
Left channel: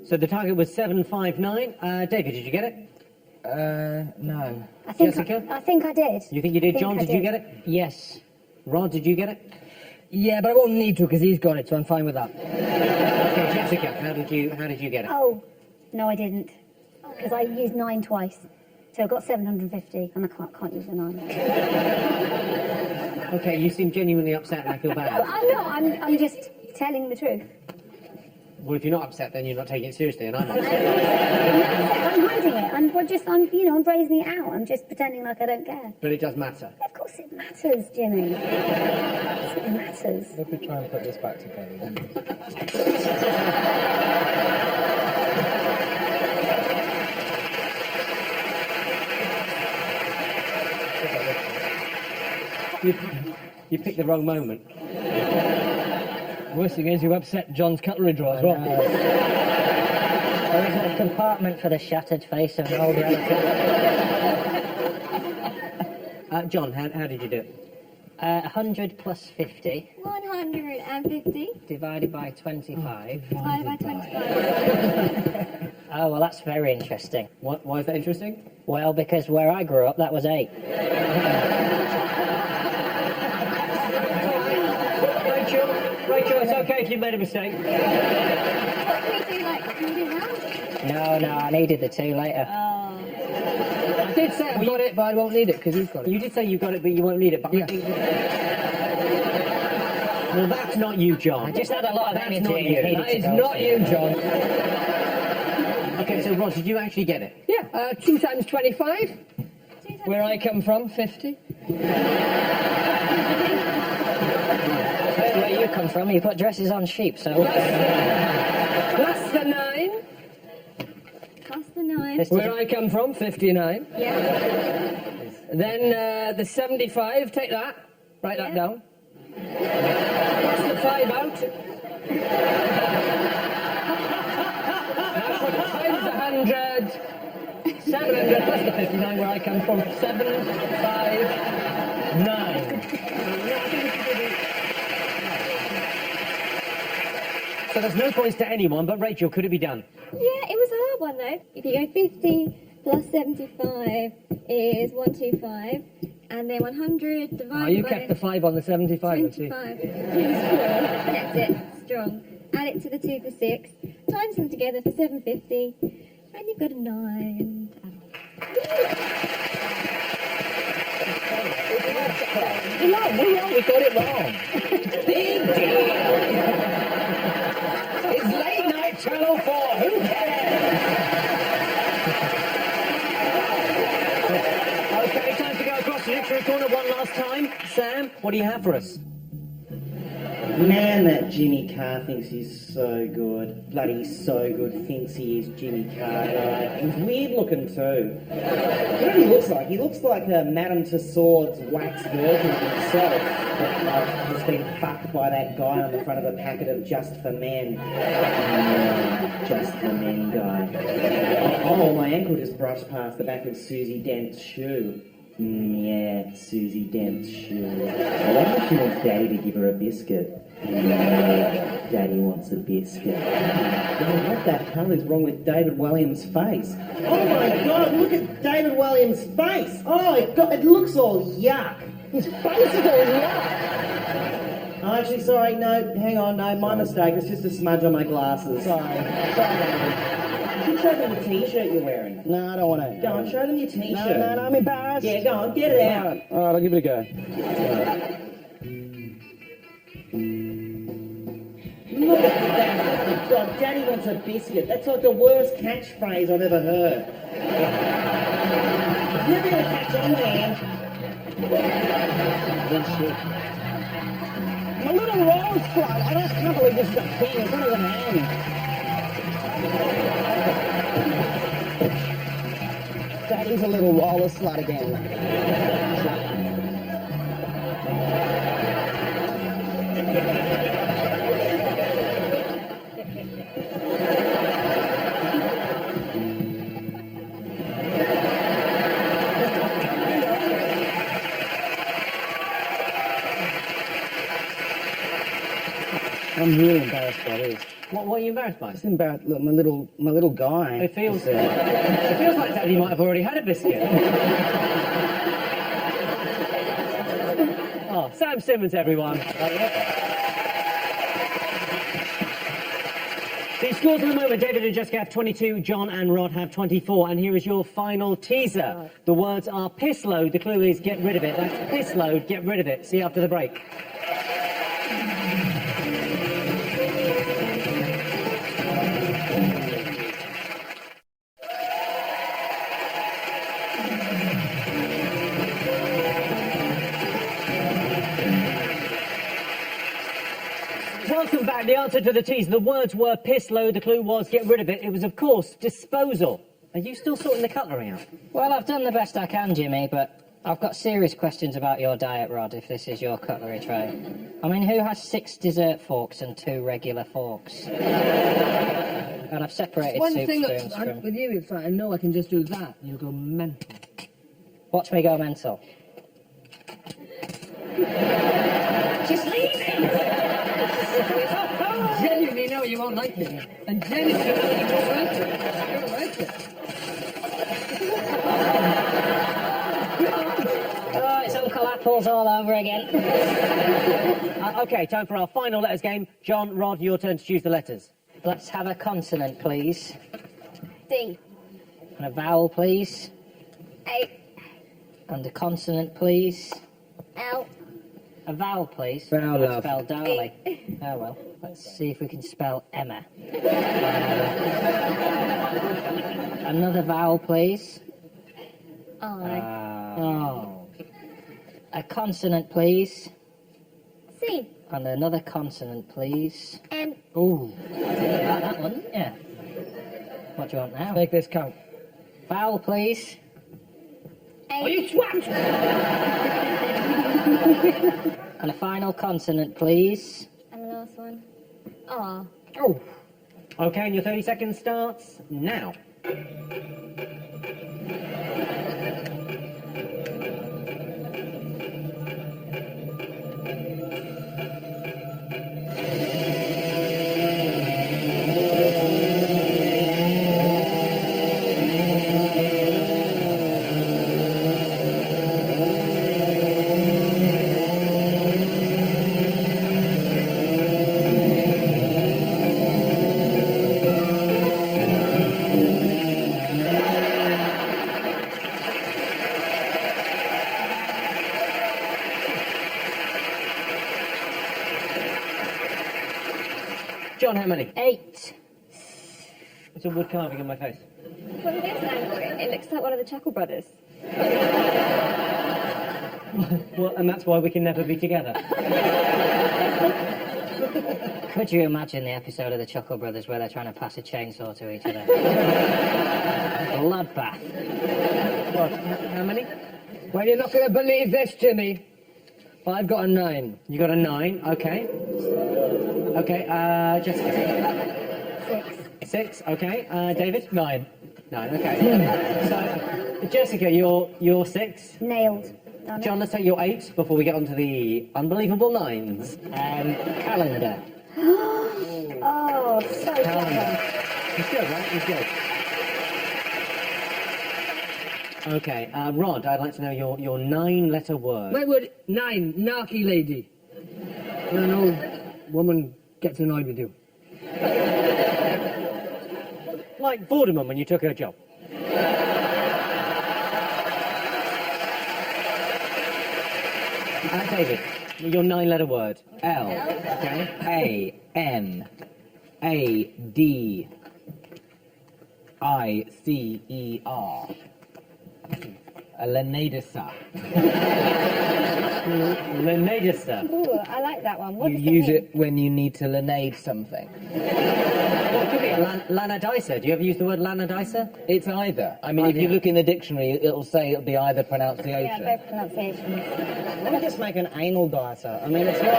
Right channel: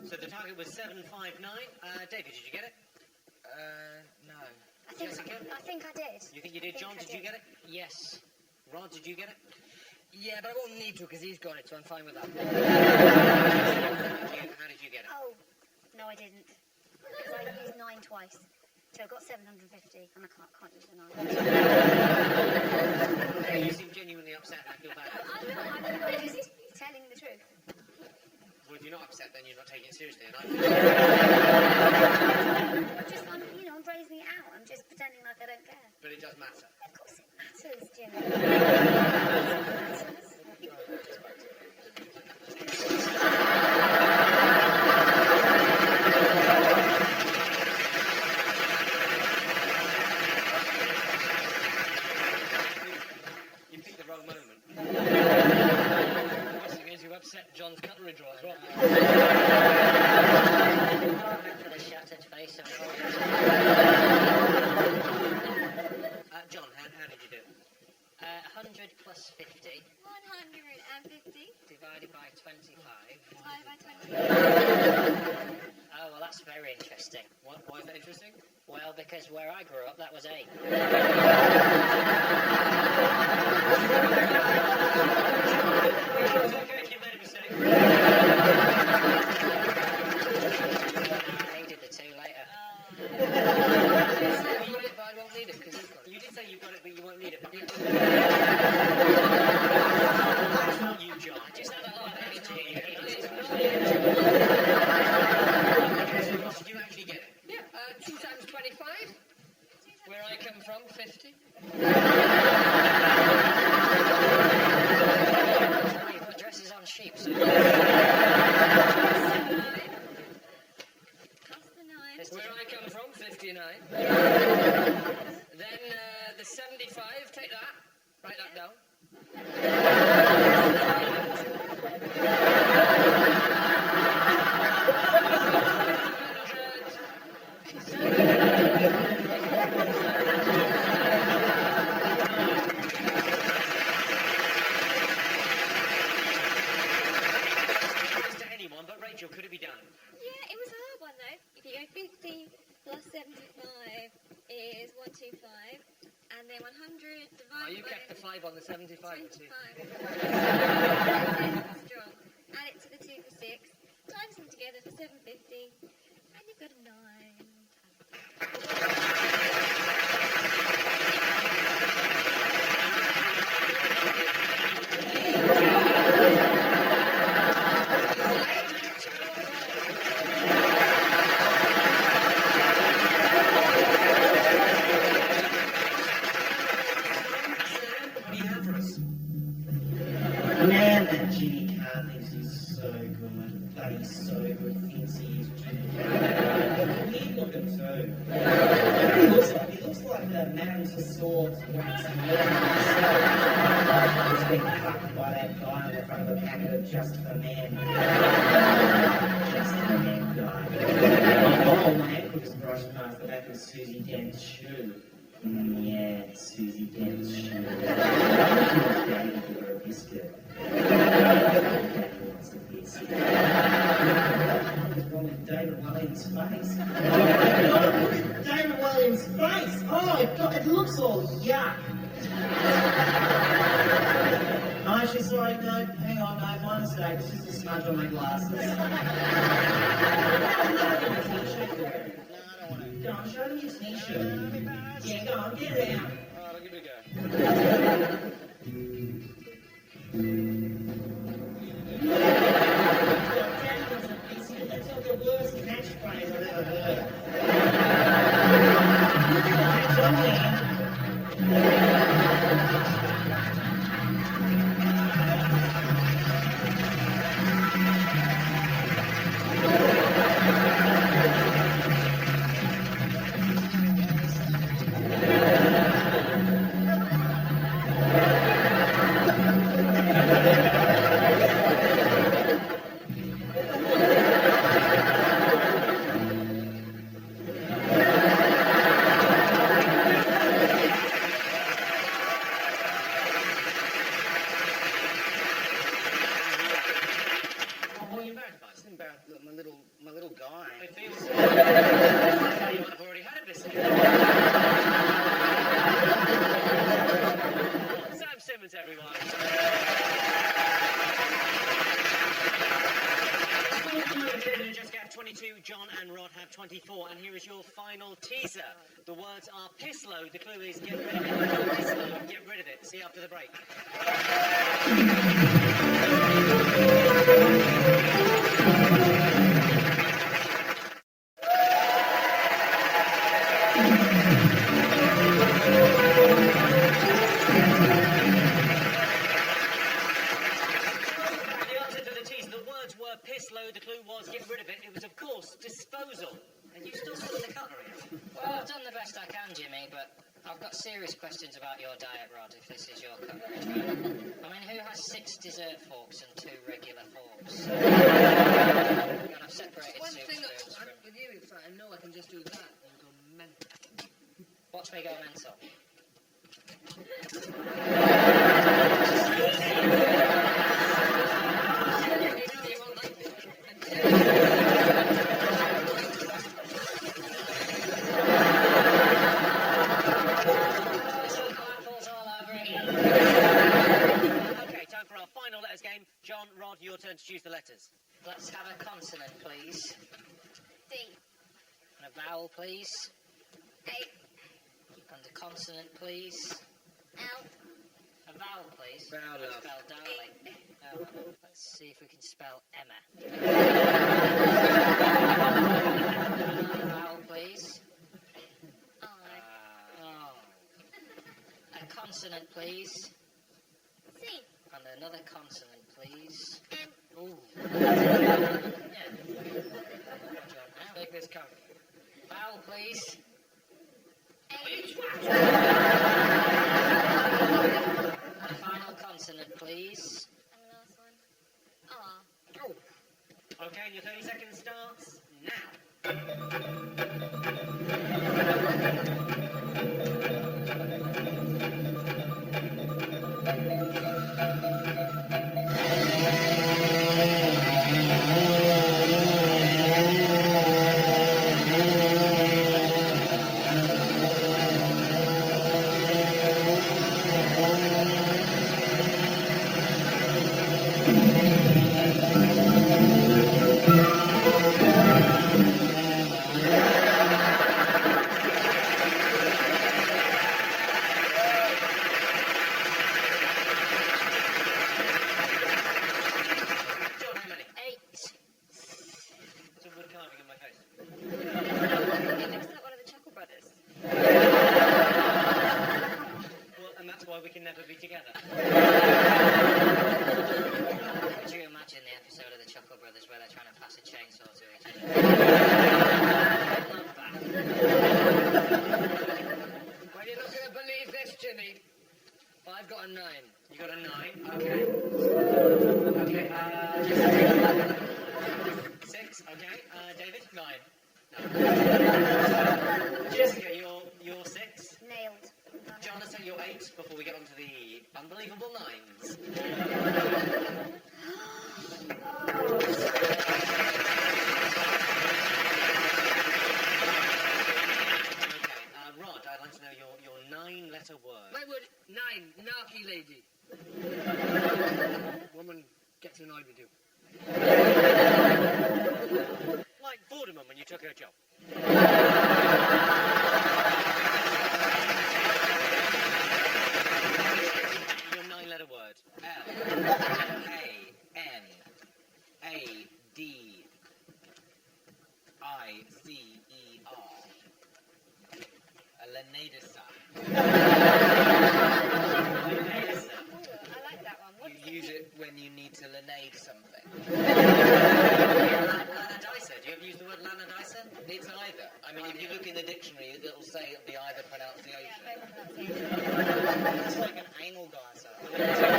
So the target was 759. David, did you get it? No. Jessica? I think I did. You think you did? I think John, I did you did. get it? Yes. Rod, did you get it? Yeah, but I won't need to because he's got it, so I'm fine with that. Jessica, how did you get it? Oh, no, I didn't. Because I used 9 twice. So I've got 750, and I can't use the 9. Okay, you seem genuinely upset and I feel bad. I'm not. I'm just telling the truth. Well, if you're not upset, then you're not taking it seriously, and I'm not. I'm I'm brazening it out. I'm just pretending like I don't care. But it does matter. Of course it matters, Jimmy. Of course it matters. Let me try and put this back together then. You picked the wrong moment. Worst thing is you upset John's cutlery drawer as well. apartment for the shattered face of an old elephant. John, how did you do it? 100 plus 50 150 divided by 25. divided by 25. Oh, well, that's very interesting. Why is that interesting? Well, because where I grew up, that was 8. Rachel, it's okay if you made a mistake. No, I needed the 2 later. I did say I got it, but I won't need it because you've got it. You did say you got it, but you won't need it. But Yeah. Well, that's not you, John. I just had a lot of energy not and you. it needed That to is go. not you, John. Okay, so Ross, did you actually get it? Yeah, 2 times 25. Where I come from, 50. Where you come from, you put dresses on sheep, so... Plus the 9. Plus the 9. This Where I come from, 59. Yeah. Then the 75, take that. Write that Yeah. down. That's the 5 out. 100. 7. Where I come from, 7, 5, 9. So there's no points to anyone, but Rachel, could it be done? Yeah, it was a hard one though. If you go 50 plus 75 is 125, and then 100 divided Oh, you by kept the 5 on the 75, I see. 25. Kept it strong. Add it to the 2 for 6. Times them together for 750, and you've got a 9. We got it wrong. It's late night Channel 4. Who Okay, time to go across the next corner one last time. Sam, what do you have for us? Man, that Jimmy Carr thinks he's so good. Bloody so good. Thinks he is Jimmy Carr. He's weird looking too. What he looks like? He looks like Madame Tussauds wax virgin himself. Just being fucked by that guy on the front of a packet of Just for Men. Just for Men guy. Oh, my ankle just brushed past the back of Susie Dent's shoe. Yeah, Susie Dent's shoe. Why don't you want Daddy to give her a biscuit? Daddy wants a biscuit. What the hell is wrong with David Williams' face? Oh my God, look at David Williams' face! Oh, it looks all yuck! His face is all yuck! Oh, actually, sorry, no, hang on, no, my mistake. It's just a smudge on my glasses. Sorry. Show them the t-shirt you're wearing. No, I don't want to. Go on, show them your t-shirt. No, I'm embarrassed. Yeah, go on, get it out. All right, I'll give it a go. God, Daddy wants a biscuit. That's like the worst catchphrase I've ever heard. You're going to catch on there. I'm not a rose club. I don't really just got things. It's only a hand. Daddy's a little lawless slut again. I'm really embarrassed by this. What are you embarrassed by? Just embarrassed. Look, my little guy. It feels it. It feels like Daddy might have already had a biscuit. Oh, Sam Simmons, everyone. The scores at the moment, David and Jessica have 22, John and Rod have 24, and here is your final teaser. The words are piss load, the clue is get rid of it. That's piss load, get rid of it. See you after the break. Welcome back. The answer to the teaser. The words were piss load. The clue was get rid of it. It was, of course, disposal. Are you still sorting the cutlery out? Well, I've done the best I can, Jimmy, but I've got serious questions about your diet, Rod, if this is your cutlery tray. I mean, who has 6 dessert forks and 2 regular forks? And I've separated One soup thing spoons from... with you, it's like, I know I can just do that, and you'll go mental. Watch me go mental. Genuinely, no, you won't like it. And genuinely, you won't like it. Oh, it's Uncle Apples all over again. Okay, time for our final letters game. John, Rod, your turn to choose the letters. Let's have a consonant, please. D. And a vowel, please. A. And a consonant, please. L. A vowel, please. Vowel, love. Spell darling. Oh, well. Let's see if we can spell Emma. Another vowel, please. I. Oh. A consonant, please. C. And another consonant, please. M. Ooh. That one, yeah. What do you want now? Make this count. Vowel, please. A. Oh, you twat! And a final consonant, please. And the last one. R. Oh. Okay, and your 30 seconds starts now. John, how many? 8. It's a wood carving on my face. It looks like one of the Chuckle Brothers. Well, and that's why we can never be together. Could you imagine the episode of the Chuckle Brothers where they're trying to pass a chainsaw to each other? Bloodbath. How many? Well, you're not going to believe this, Jimmy. I've got a 9. You got a 9, okay. Okay, just 6, okay. David? 9. 9, okay. So, Jessica, you're 6. Nailed. Damn it. John, let's take your 8 before we get on to the unbelievable 9s. Calendar. Oh, so clever. It's good, right? It's good. Okay, Rod, I'd like to know your 9-letter word. Wait, word 9, narky lady. When an old woman gets annoyed with you. Like Vorderman when you took her job. David, your 9-letter word. L. A. N. A. D. I. C. E. R. Lenadisa. Lenadista. Ooh, I like that one. What You does use mean? it when you need to lenade something. Lanadisa. Do you ever use the word lanadisa? It's either. I mean, if you look in the dictionary, it'll say it'll be either pronunciation. Yeah, both pronunciations. Let me just make an anal dicer. I mean, it's not...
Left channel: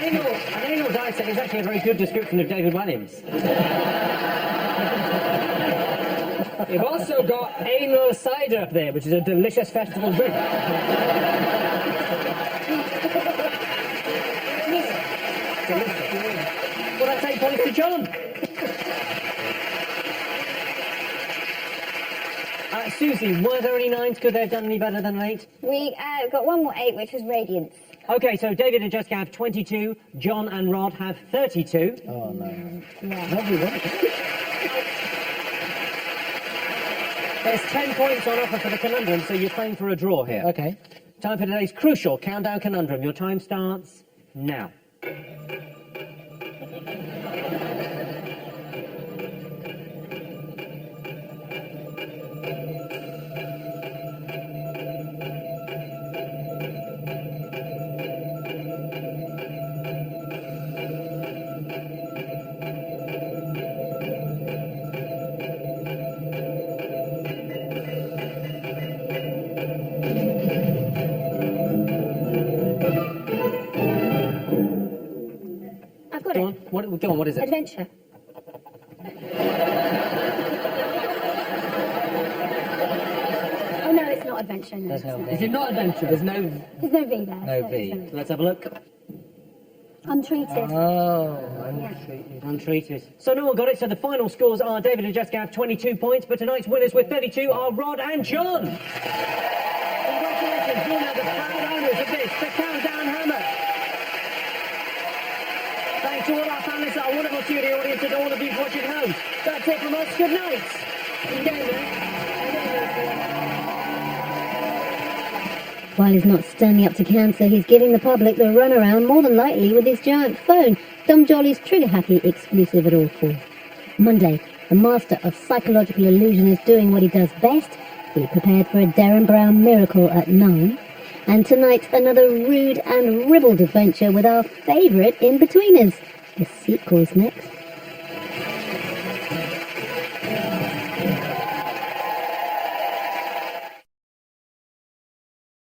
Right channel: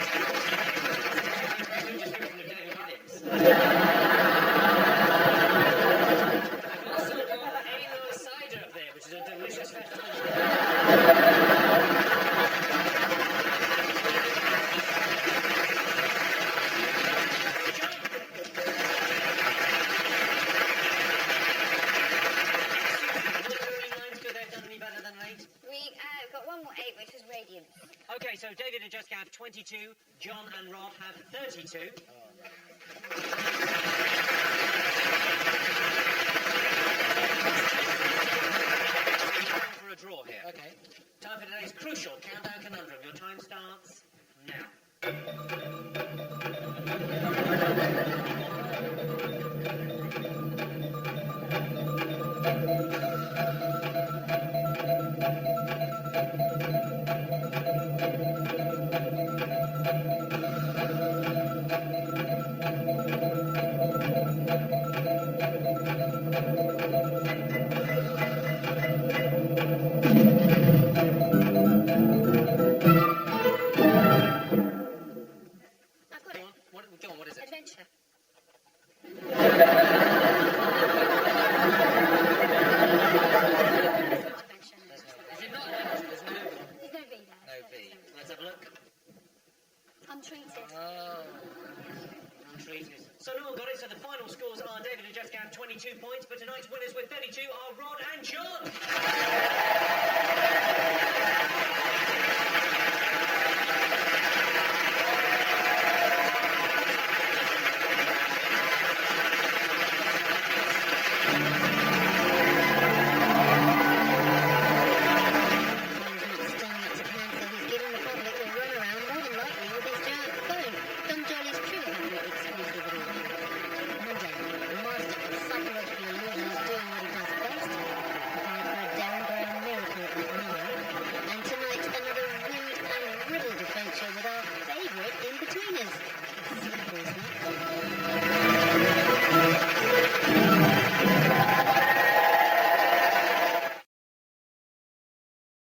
An anal dicer is actually a very good description of David Williams. We've also got anal cider up there, which is a delicious festival drink. Well, I take points to John. Susie, were there any 9s? Could they have done any better than an 8? We got one more 8, which was radiance. Okay, so David and Jessica have 22, John and Rod have 32. Oh, no. Lovely work. There's 10 points on offer for the conundrum, so you're playing for a draw here. Okay. Time for today's crucial countdown conundrum. Your time starts now. Go on, what is it? Adventure. Oh, no, it's not adventure. No, There's no it's not. V. Is it not adventure? There's no... There's no V there. No so V. it's Let's have a look. Untreated. Oh, Untreated. So no one got it, so the final scores are David and Jessica have 22 points, but tonight's winners with 32 are Rod and John. Congratulations, you're now the proud owners of this, the Countdown Hammer. Thanks to all our fans, our wonderful studio audience, and all of you watching at home. That's it from us. Good night. And David. While he's not standing up to cancer, he's giving the public the runaround, more than likely with his giant phone. Dom Jolly's Trigger Happy exclusive at all 4. Monday, the master of psychological illusion is doing what he does best. Be prepared for a Darren Brown miracle at 9. And tonight, another rude and ribald adventure with our favourite in-betweeners. The sequel's next.